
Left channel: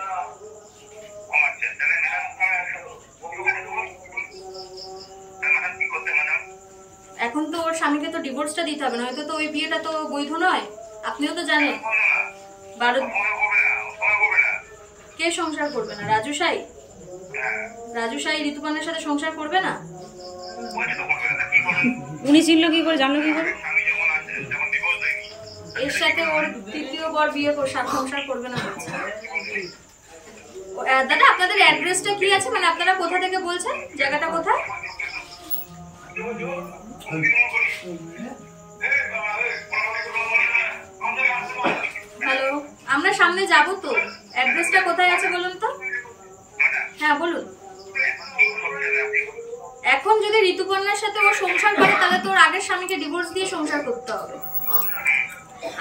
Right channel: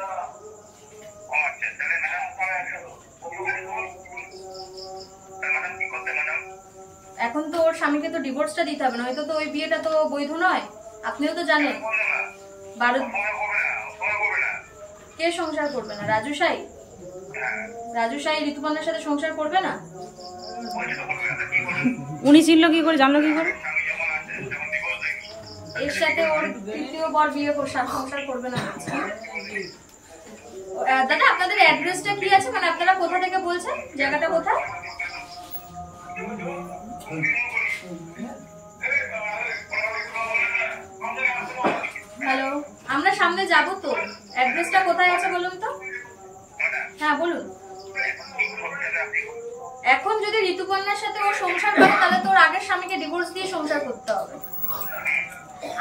এখন তো ওর স্বামীকে তো ডিভোর্সটা দিতে হবে, নয়তো তো ওই বিয়েটা তো বৈধ নয়। আপনিও তো জানেন। কে সংসার করবে না? রাজু সাই? রাজু সাই ঋতুপর্ণার সাথে সংসার করবে না? উনি চিনলো কি করে, জানলো কি করে? এর সাথে ওর তৃতীয় বর বিয়ে সংসার করবে না বলছে। দাদা, আপনাদের অ্যাড্রেসটা কি আছে? মানে আপনারা কোথা থেকে বলছেন? জায়গাটা কোথায়? হ্যালো, আমরা সামনে যাব তো। অ্যাড্রেসটা কোথায় আছে বলুন তো। হ্যাঁ বলুন। এখন যদি ঋতুপর্ণার সাথে ও সংসার করে, তাহলে তো ওর আগের স্বামীকে ডিভোর্স দিয়ে সংসার করতে হবে।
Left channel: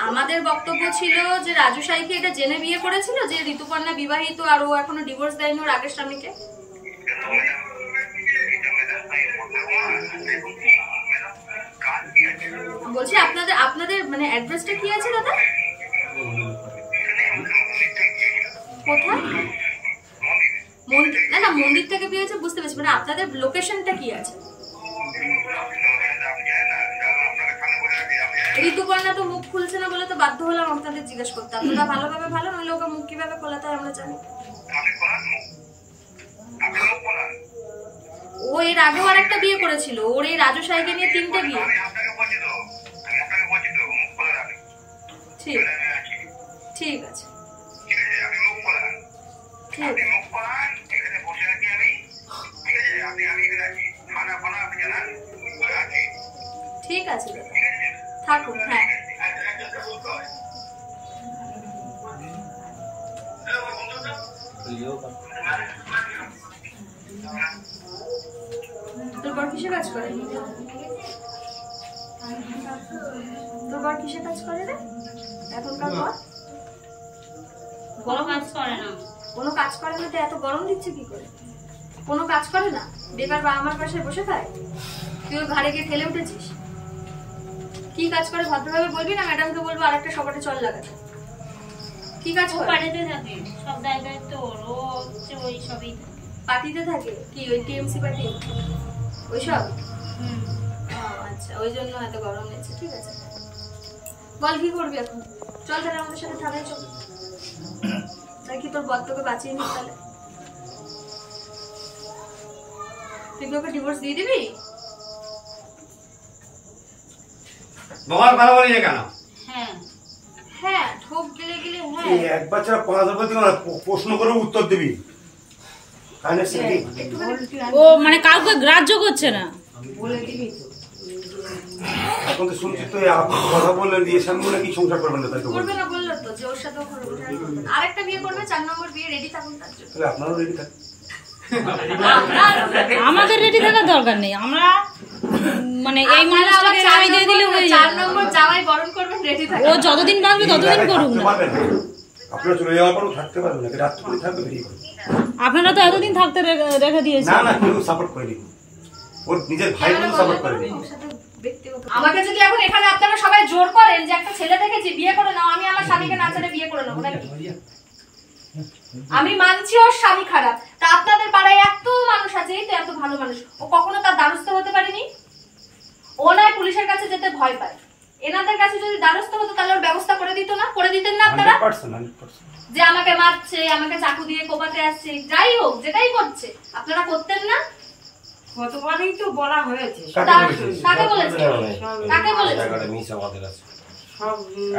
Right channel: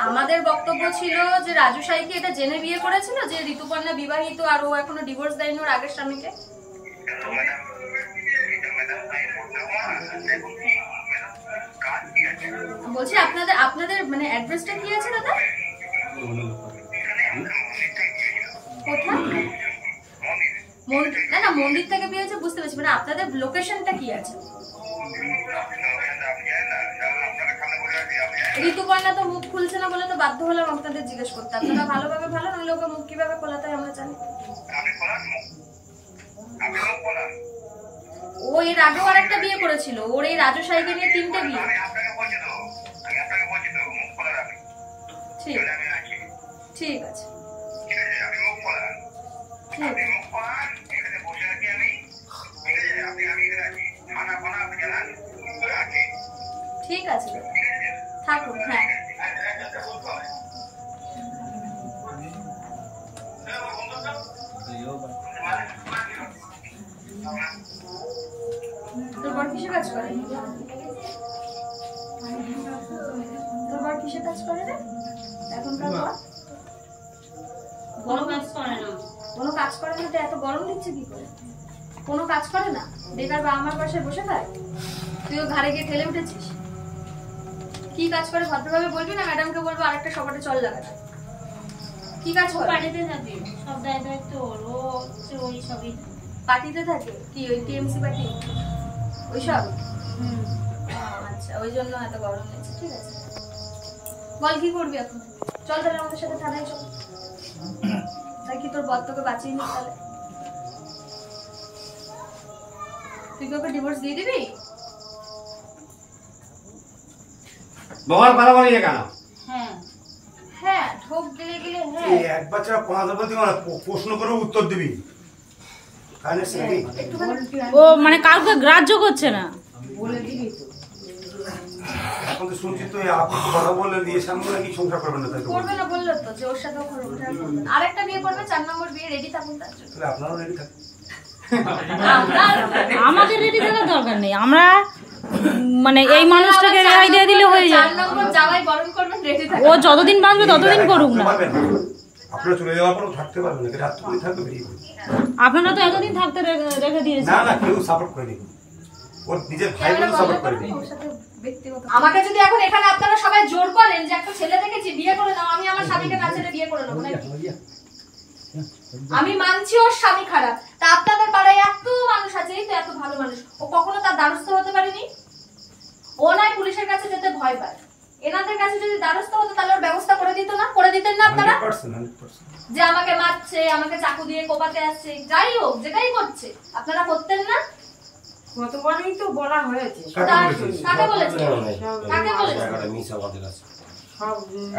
আমাদের বক্তব্য ছিল যে রাজু সাইকে এটা জেনে বিয়ে করেছিল যে ঋতুপর্ণা বিবাহিত, আর ও এখনো ডিভোর্স দেয়নি ওর আগের স্বামীকে। বলছি আপনাদের মানে অ্যাড্রেসটা কি আছে দাদা? কোথায়? মন্দির? না মন্দির থেকে পেয়েছে বুঝতে পারছি, মানে আপনাদের লোকেশনটা কি আছে? ঋতুপর্ণা তো মুখ খুলছে না বলে তো বাধ্য হলাম আপনাদের জিজ্ঞেস করতে। আপনারা ভালোভাবে ভালো, নাহলে ওকে মুখ কিভাবে খোলাতে হয় আমরা জানি। ও এর আগেও আর একটা বিয়ে করেছিল, ওর এই রাজু সাইকে নিয়ে 3টে বিয়ে। ঠিক আছে, ঠিক আছে থাকুন। হ্যাঁ তোর বর কিসে কাজ করে? তোর বর কিসে কাজ করে রে এখনকার বর? কোনো কাজ করে না। কোনো কাজ করে না তো এত গরম দিচ্ছে কি করে? কোনো কাজ করে না, বেকার বাবা আমার পাশে বসে খায়। তুইও ঘাড়ে গিয়ে ঠেলে উঠেছিস। কি কাজ করে ভদ্রভাবে বলবি, না ম্যাডামকে বলবো আর একটা সপাটে চল লাগাতে। কি কাজ করে? পার্টিতে থাকে, সব দায়িত্ব ওর, ও হচ্ছে ওই সবই পার্টিতে থাকে। কি ওই টিএমসি পার্টি ওইসব? আচ্ছা, ওই জন্য এত গরম নিয়েছে। ঠিক আছে, বল কি করবি এখন? চল তাহলে আমাদের সাথে থানায় চল। তাই কি তোর বর তোকে বাঁচিয়ে নি? তাহলে তুই তোকে ডিভোর্স দিয়ে দিবি? বাবার ভালো বলি না কেন? হ্যাঁ হ্যাঁ ঠোক গেলে গেলে হ্যাঁ। একবার ছাড়া 5 বলতে প্রশ্ন করে উত্তর দিবি। ও মানে কাউকে গ্রাহ্য করছে না। এখন তো শুনছি তো কথা বললেন দিয়ে সামনে নাকি সংসার করবেন না, তাই তো করবে না বললো তো যে ওর সাথে আরেকটা বিয়ে করবে, 4 নম্বর বিয়ে। রেডি থাকুন তার জন্য। তাহলে আপনারও রেডি থাক। আমাদের রেডি থাকার দরকার নেই, আমরা মানে এই মানুষটাকে রায় দিয়ে দিলে হয়ে যায়। 4 নম্বর যাওয়াই বরণ করবেন, রেডি থাকুন। ও যতদিন বাঁচবে ততদিন করুক না। আপনারা চলে যাওয়ার পরও থাকতে পারবেন না, রাত করে থাকবে বেরিয়ে পড়বে। আপনারা তো এতদিন থাকতে রেখে দিয়েছেন। না কেউ সাপোর্ট করেনি, ওর নিজের ভাই বোন সাপোর্ট করেনি। আমাকে যদি এখন এখানে আপনারা সবাই জোর করেন যে একটা ছেলে দেখেছি বিয়ে করে নাও, আমি আমার স্বামীকে না ছেড়ে বিয়ে করে নেবো নাকি? আমি মানছি ওর স্বামী খারাপ, তা আপনাদের পাড়ায় এত মানুষ আছে, এই তো এত ভালো মানুষ, ও কখনো তার দ্বারস্থ হতে পারেনি? ও নয় পুলিশের কাছে যেতে ভয় পায়। এনাদের কাছে যদি দ্বারস্থ হতো তাহলে ওর ব্যবস্থা করে দিত না? করে দিতেন না আপনারা? 100%। যে আমাকে মারছে, আমাকে চাকু দিয়ে কোপাতে আসছে, যাই হোক যেটাই করছে, আপনারা করতেন না? কতবারই তো বলা হয়েছে। কাকে বলেছে? কাকে বলেছে? মিস আমাদের আছে,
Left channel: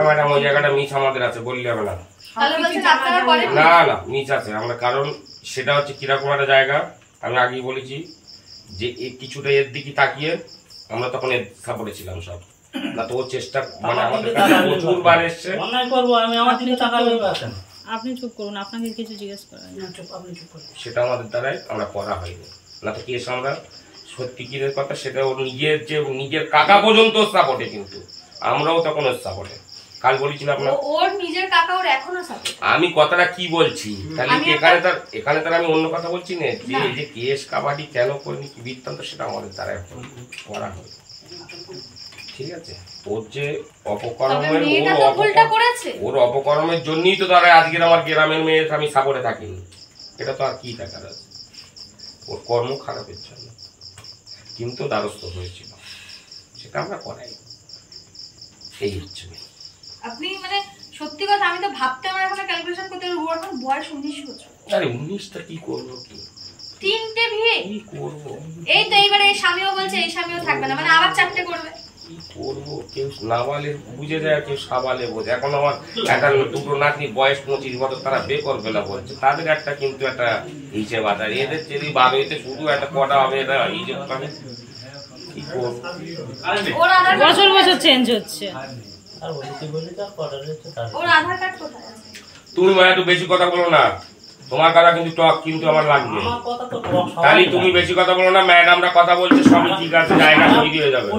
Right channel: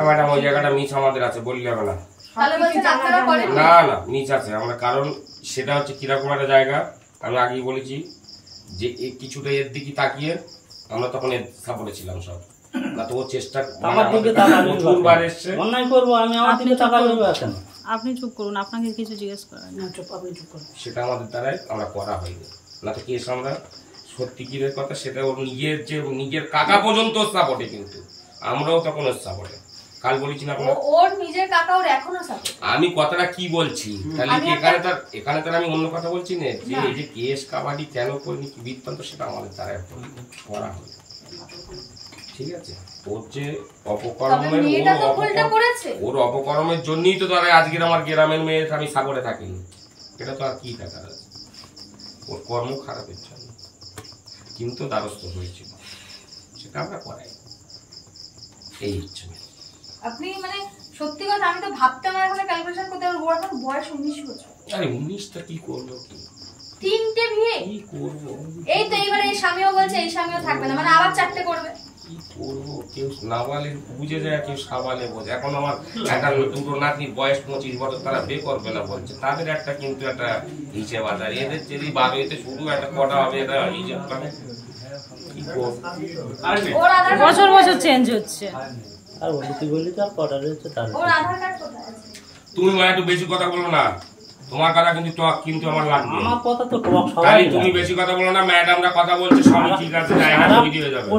ম্যাডাম ওই জায়গাটা মিস আমাদের আছে, বললে হবে না। তাহলে বলছেন আপনারা করেন না মিস আছে আমরা, কারণ সেটা হচ্ছে কিরকম একটা জায়গা আমি আগেই বলেছি যে কিছুটা এর দিকে তাকিয়ে আমরা তখন এর সাপোর্টে ছিলাম সব। না তো ও চেষ্টা মানে আমাদের প্রচুর বার এসছে। আপনি চুপ করুন, আপনাকে কিছু জিজ্ঞেস করেন। সেটা আমাদের দ্বারাই আমরা করা হয়নি, না তো কেস আমরা সত্যি কিরের কথা সেটা ওর নিজের কাকা পর্যন্ত সাপোর্টে, কিন্তু আমরাও তখন ওর সাপোর্টে। কাল বলেছিলাম ওর নিজের কাকা ওর এখনো সাপোর্ট। আমি কথাটা কি বলছি তাহলে এখানে তার আমি অন্য কথা বলছি না, যে এই যে কেস কাবাডি কেন করিনি কি বৃত্তান্ত সেটা আমাদের দ্বারা করা হবে। ঠিক আছে, ওর যে ওর অপকর্মের জন্যই তো তারা আজকের আমার গ্রামের মেয়ের আমি সাপোর্টে থাকিনি, এটা তো আর কি দেখার আছে। ওর কর্ম খারাপের জন্য কিন্তু দ্বারস্থ হয়েছিল, সেটা আমরা করাই। এই হচ্ছে আপনি মানে সত্যি কথা, আমি তো ভাবতে আমার এখন ক্যালকুলেশন করতে হবে। ওর এখন বয়স 19 বছর। আরে 19টা কি করবো, 3টে বিয়ে কি করবো? এই তো এইবারে এই স্বামীও বলছে এই স্বামীও থাকবে না, মানে আবার 4টে করবে। কি করবো, কেউ নাবালে বুঝে যায়, কেউ সাবালে বোঝে। এখন আমার একটা দুটো নাতনি বয়স 25 বছর, তারা বে করবে না বলছে, তাদের একটা কিন্তু একটা হিসেব আছে। এদের যদি বাড়িতে শুধু একটা কটা হবে, এটা হিসেব করে কি করবো? বছর বছর চেঞ্জ হচ্ছে। তুমি মানে একটু বেশি কথা বলো না, তোমার কথা কিন্তু টক কিন্তু আমার লাগবে। তাহলে তুমি বেশি কথা বলো না, ম্যাডামরা কথা বলছে সবই ঠিক আছে, জায়গা তৈরি হয়ে যাবে।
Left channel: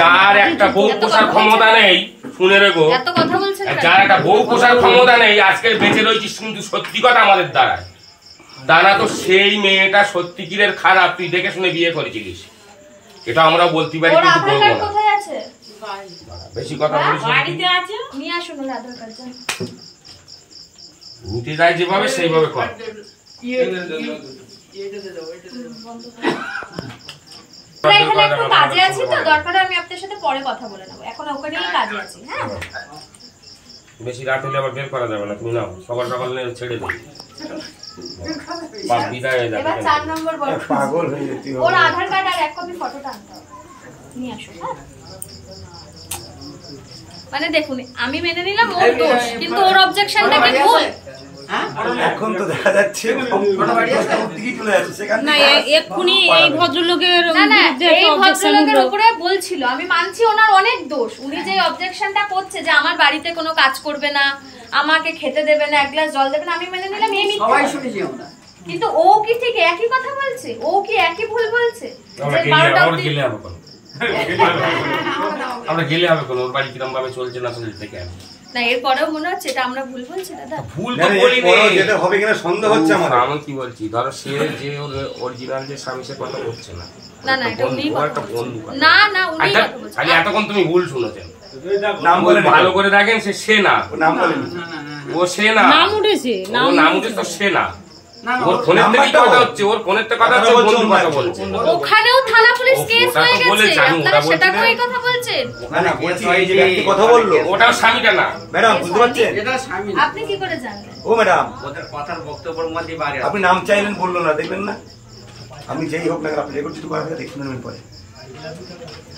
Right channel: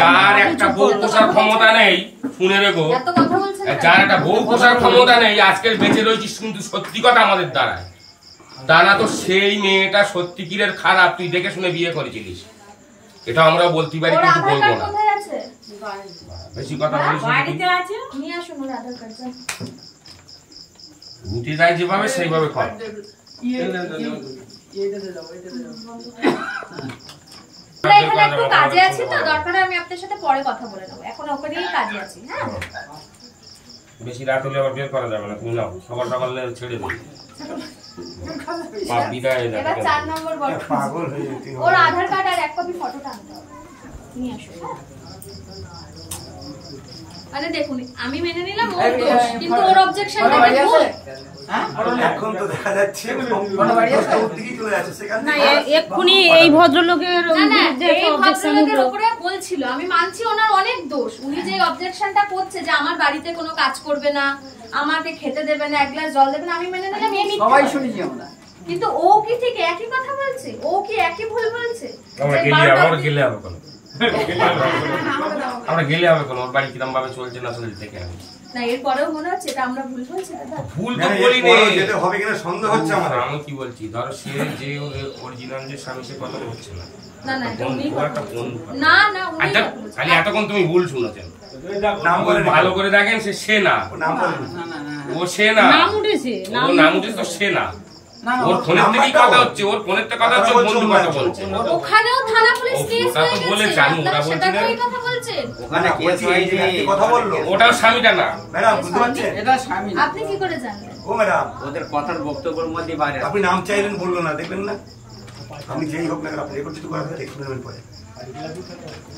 যার একটা বউ পোষার ক্ষমতা নেই, শুনে রেখো, যার একটা বউ পোষার ক্ষমতা নেই, আজকের বেঁচে রয়েছিস কিন্তু সত্যি কথা আমাদের দ্বারায়। দানা তো সেই মেয়েটা সত্যি কিরের খারাপ, তুই দেখে শুনে বিয়ে করেছিলিস, এটা আমরাও বলতে পারি কিন্তু বলবো না। বেশি কথা বলিস না। বাড়িতে আছে নিয়ে আসুন ওর আধার কার্ড। নিতে যাই যেভাবে সেইভাবে কর। আমরা এখানে একটু কাজে আছি তো, দরকার হয় আমি আপনার সাথে পরে কথা বলে নেবো, এখন ওকে নিয়েই কাজে আছি। হ্যাঁ বেশি রাত হলে আবার বের করা যাবে না, তুমি নাও সকাল সকাল ছেড়ে দিই। পাপ বিদায় হয়ে যাবে। এবার 4 নম্বর বল। পাগল হয়ে যেতে ওর আধার কার্ড আর 1 কপি ফটোটা আনতে হবে, নিয়ে আসুন। হ্যাঁ মানে দেখুন আমি মেনে নিলাম ওর দোষ, কিন্তু ওর অবজেকশনটা কি ভুল? এখন তো দেখা যাচ্ছে না এক্ষুনি এই ভদ্রলোকের না না, বিরুদ্ধে এই একটা অবজেকশন ভদ্রলোকের উঠলো। উপরে বলছিল, আমি মানছি ওনার অনেক দোষ। উনি যে অবজেকশনটা করছে যে আমার বাড়িতে কোনো কাজ করবে না, আমাকে খেতে দেবে না, এক গ্লাস জল দেবে না, আমি মেনে নিলাম এই মিথ্যা সবাই কথা। শুনেছি আমরা। কিন্তু ও কি ঠিক একই কথা বলছে? ও কি একই ভুল বলছে? আমরা যে গেলে বারোটা আমার অবধি- গেলে হবে কোনো, আমরা গেলে হবে কোনো, ওর বাড়ি কিরম ভাবে চলছে না চলছে দেখে আমি। না এরপরেও মনে হচ্ছে এটা আমরা ভুল বলছি দাদা। ভুল তো বলি নে, যেতে হবে কিনা সন্দেহ হচ্ছে আমার। আমি কি বলছি, ধরো সে যে অরিজিনাল যে স্বামী সে কথা করছে না, না না এটা উনিই ও কথা একটা বলছে। বন্ধু। না না উনিই আচ্ছা, কথা বলছে। খালি এতক্ষণ তুমি ভুল শুনেছেন। নাম ওই বলে ভালো করে দেখেন সে না, নাম বলেনি। ও সে না, নাম উঠেছে, ও নাম উঠেছে তো সে না। ওর ফোনের থেকেই কথা হচ্ছে, ওর ফোনের থেকে কথা হচ্ছে, ও বন্ধু কথা বলছে। ওখানেও থানা পুলিশ কেস ওটা তো হয়ে বলেছে, গেছে, আমি ওটা আপনারা বলছি সেটাকেও না। এই কথা বলছেন। ওখানে কেস হয়েছে, একই কথা বললো। ওটাও স্বামীটা না। ম্যাডাম বুঝতে পারছেন? এটা স্বামী আপনি কি করে জানলেন? ও ম্যাডাম ওদের কথার বক্তব্যের মধ্যে বাইরে আপনি নাম চাইলেন বললো না, দেখবেন না আপনি যেই হোক না আপনি রেকর্ড যদি করা থাকে দেখুন নেবেন পরে।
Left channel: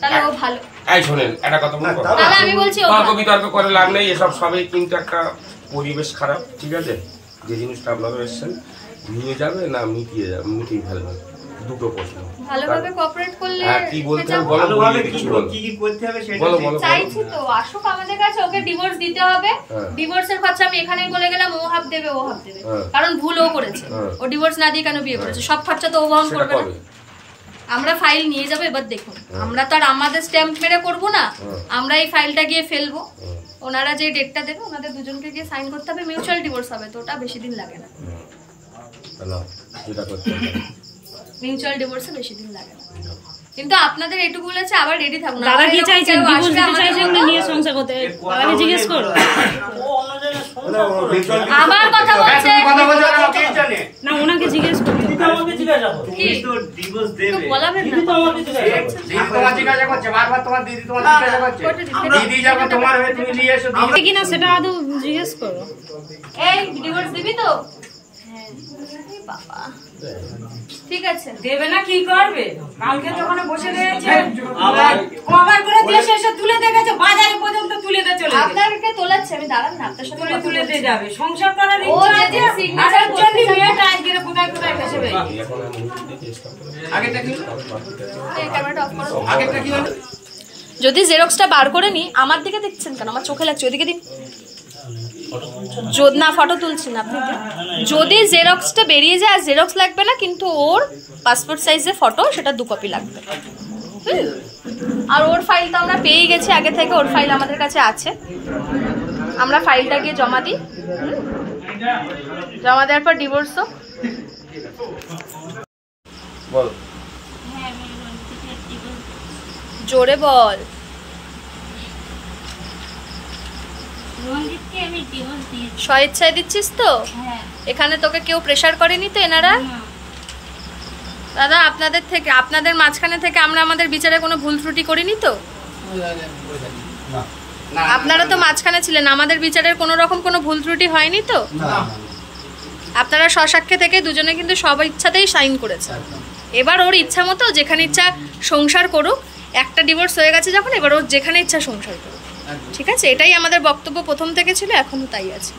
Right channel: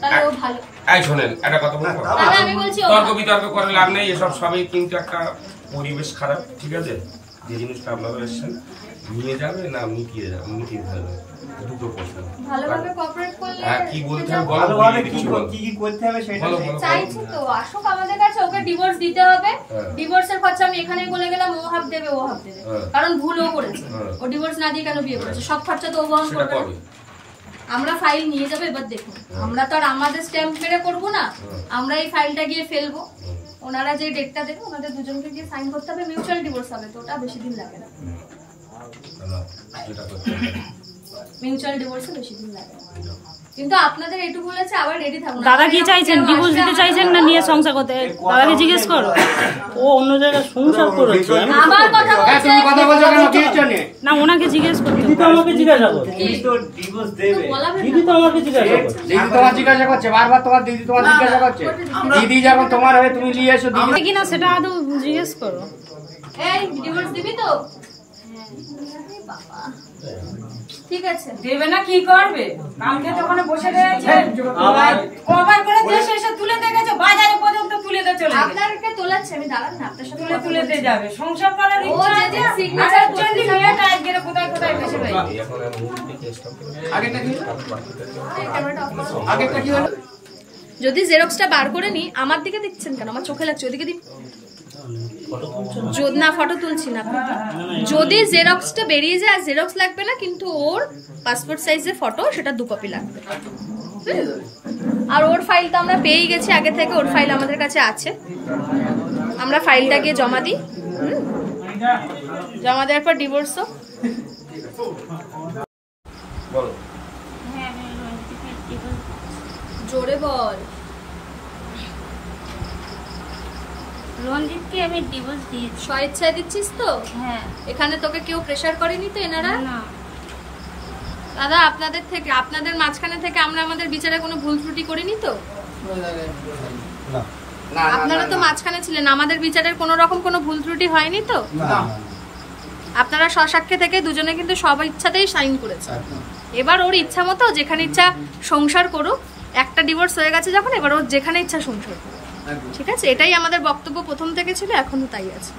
তাহলে ও ভালো। এই শোনেন একটা কথা বলবো, দাদা আমি বলছি ও তর্ক ভালো। বিতর্ক করে লাভ নেই, এসব সবই কিন্তু একটা পরিবেশ খারাপ, ঠিক আছে? যে জিনিসটা আপনারা এসেছেন নিয়ে যাবে না মিটিয়ে যাবে, মিটিয়ে ফেলবে, দুটো প্রশ্ন। ভালোভাবে কোঅপারেট করলে হ্যাঁ কি বলতে হবে বলো, বলিয়ে দিচ্ছি বলো। বলো বলো চাইছি তো আসুক আমাদের কাছে, ওকে ডিভোর্স দিতে হবে। হ্যাঁ। ডিভোর্সের খরচা আমি এখানেই বলে গেলাম, ও হাফ দেবে ও হাফ দেবে, হ্যাঁ। কারণ ভুল ও করেছে। হ্যাঁ। ও ডিভোর্স না দিয়ে কেন বিয়ে করেছে? সব খরচা তো ও বহন সেটা করবে কবে? না। আমরা ফাইল নিয়ে যাবো, এবার দেখুন আমরা তো আর আমাদের স্ট্যাম্প মেরে করবো না, আমরা এই ফাইলটা গিয়ে ফেলবো। ওনারা যে ডেটটা দেবে ওনাদের দুজনকে গিয়ে সাইন করতে হবে, মিউচুয়াল ডিভোর্স হবে, তো ওটা বেশি দিন লাগে না। চলো, যেটা করতে হবে। মিউচুয়াল ডিভোর্সে বেশি দিন লাগে না, কিন্তু আপনাদের এটুকু বলেছে আবার রেডি থাকুন। দাদা কি চাইছেন, কেউ ডিভোর্স আসলে দিতে আমাদের চাইছেন না নিয়ে সংসার করতে? দাদাকে জিজ্ঞেস করো। ও অন্য জায়গায় সংসার করেছে। আবার কথা বলছে। তুমি কথা বলছো কেন? কি জানে? না ওনাকে জিজ্ঞেস করতে দিদি তো হবে। আমাকে জিজ্ঞাসা করছে। কি? তো বলাবেন দিদি তো না। আমাকে জিজ্ঞাসা করছে। দিদি তোমার জিজ্ঞাসা করছে, বারবার তোমার দিদি তোমার জিজ্ঞাসা করছে। দিদি যখন তোমার হয়ে তুমি নিয়ে এসো, দিদি কিনা সেটা আদৌ জিজ্ঞেস করো। এই ডিভোর্স দিবি তো? হ্যাঁ। এই বাবা। ঠিক আছে। দেবে না কি করবে? কালকে যখন বসে রয়েছে কভার করে দিয়ে শেষে তুলে দেখেছে, বাজারে পর্যন্ত তুলে দিয়ে চলে গেছে। আপনাকে তোলাচ্ছে, আমি দাঁড়ান না, আপনার সাথে তুলে দিয়ে যাবে। সংসার করার ও ইচ্ছা যদি আছে, signature আর জন্য করতে মেয়েটা আজকে কোথায় কোথায় বসে রয়েছে। এই এখন আমি মুভিতে স্টপ করে দেবো। আগেরটা কি হলো? এই ক্যামেরাটা অফ করো। আগেরটা কি হলো? যদি জেরক্সটা বার করে নি, আমার দিকে দেখছেন কেন? আমার চোখে লাগছে, ওদিকে দিন। না ফটো তুলছি না, আপনি দিন। যদি জেরক্সটা বেরিয়ে যায়, আর জেরক্স লাগবে না, কিন্তু ওর পাসপোর্ট সাইজের ফটো সেটা 2 কপি লাগবে। আর ওর ফাইল তো আমরা পেয়েই গেছি আগে থেকে, ওর ফাইল আমাদের কাছে আছে। আমরা ফাইলটা গিয়ে জমা দিই, জমা দেওয়ার পর ডিভোর্স হোক। বলো। জোরে বল। রঞ্জিতকে আমি ডিভোর্স দিয়েছি। স্বেচ্ছায় দিচ্ছিস তো? হ্যাঁ। এখানে তোকে কেউ প্রেসার করেনি তো এনারা? দাদা আপনাদের থেকে, আপনাদের মাঝখানে থেকে আমরা আমাদের বিচারে কোনো ভুল ত্রুটি করিনি তো? আপনারা তো মাঝখানে ছিলেন, আমাদের বিচারের কোনো রকম কোনো ভুল ত্রুটি হয়নি তো? আপনারা স্বসাক্ষে থেকে দুজনে কিন্তু সব ইচ্ছাতেই সাইন করেছে। এবার ওর ইচ্ছা মতো যেখানে ইচ্ছা সংসার করুক, একটা ডিভোর্স হয়ে গেছে যখন, এবার ওর যেখানে ইচ্ছা সংসার করুক, ঠিক আছে? এটাই আমাদের বক্তব্য প্রথম থেকে ছিল, এখনো তাই আছে।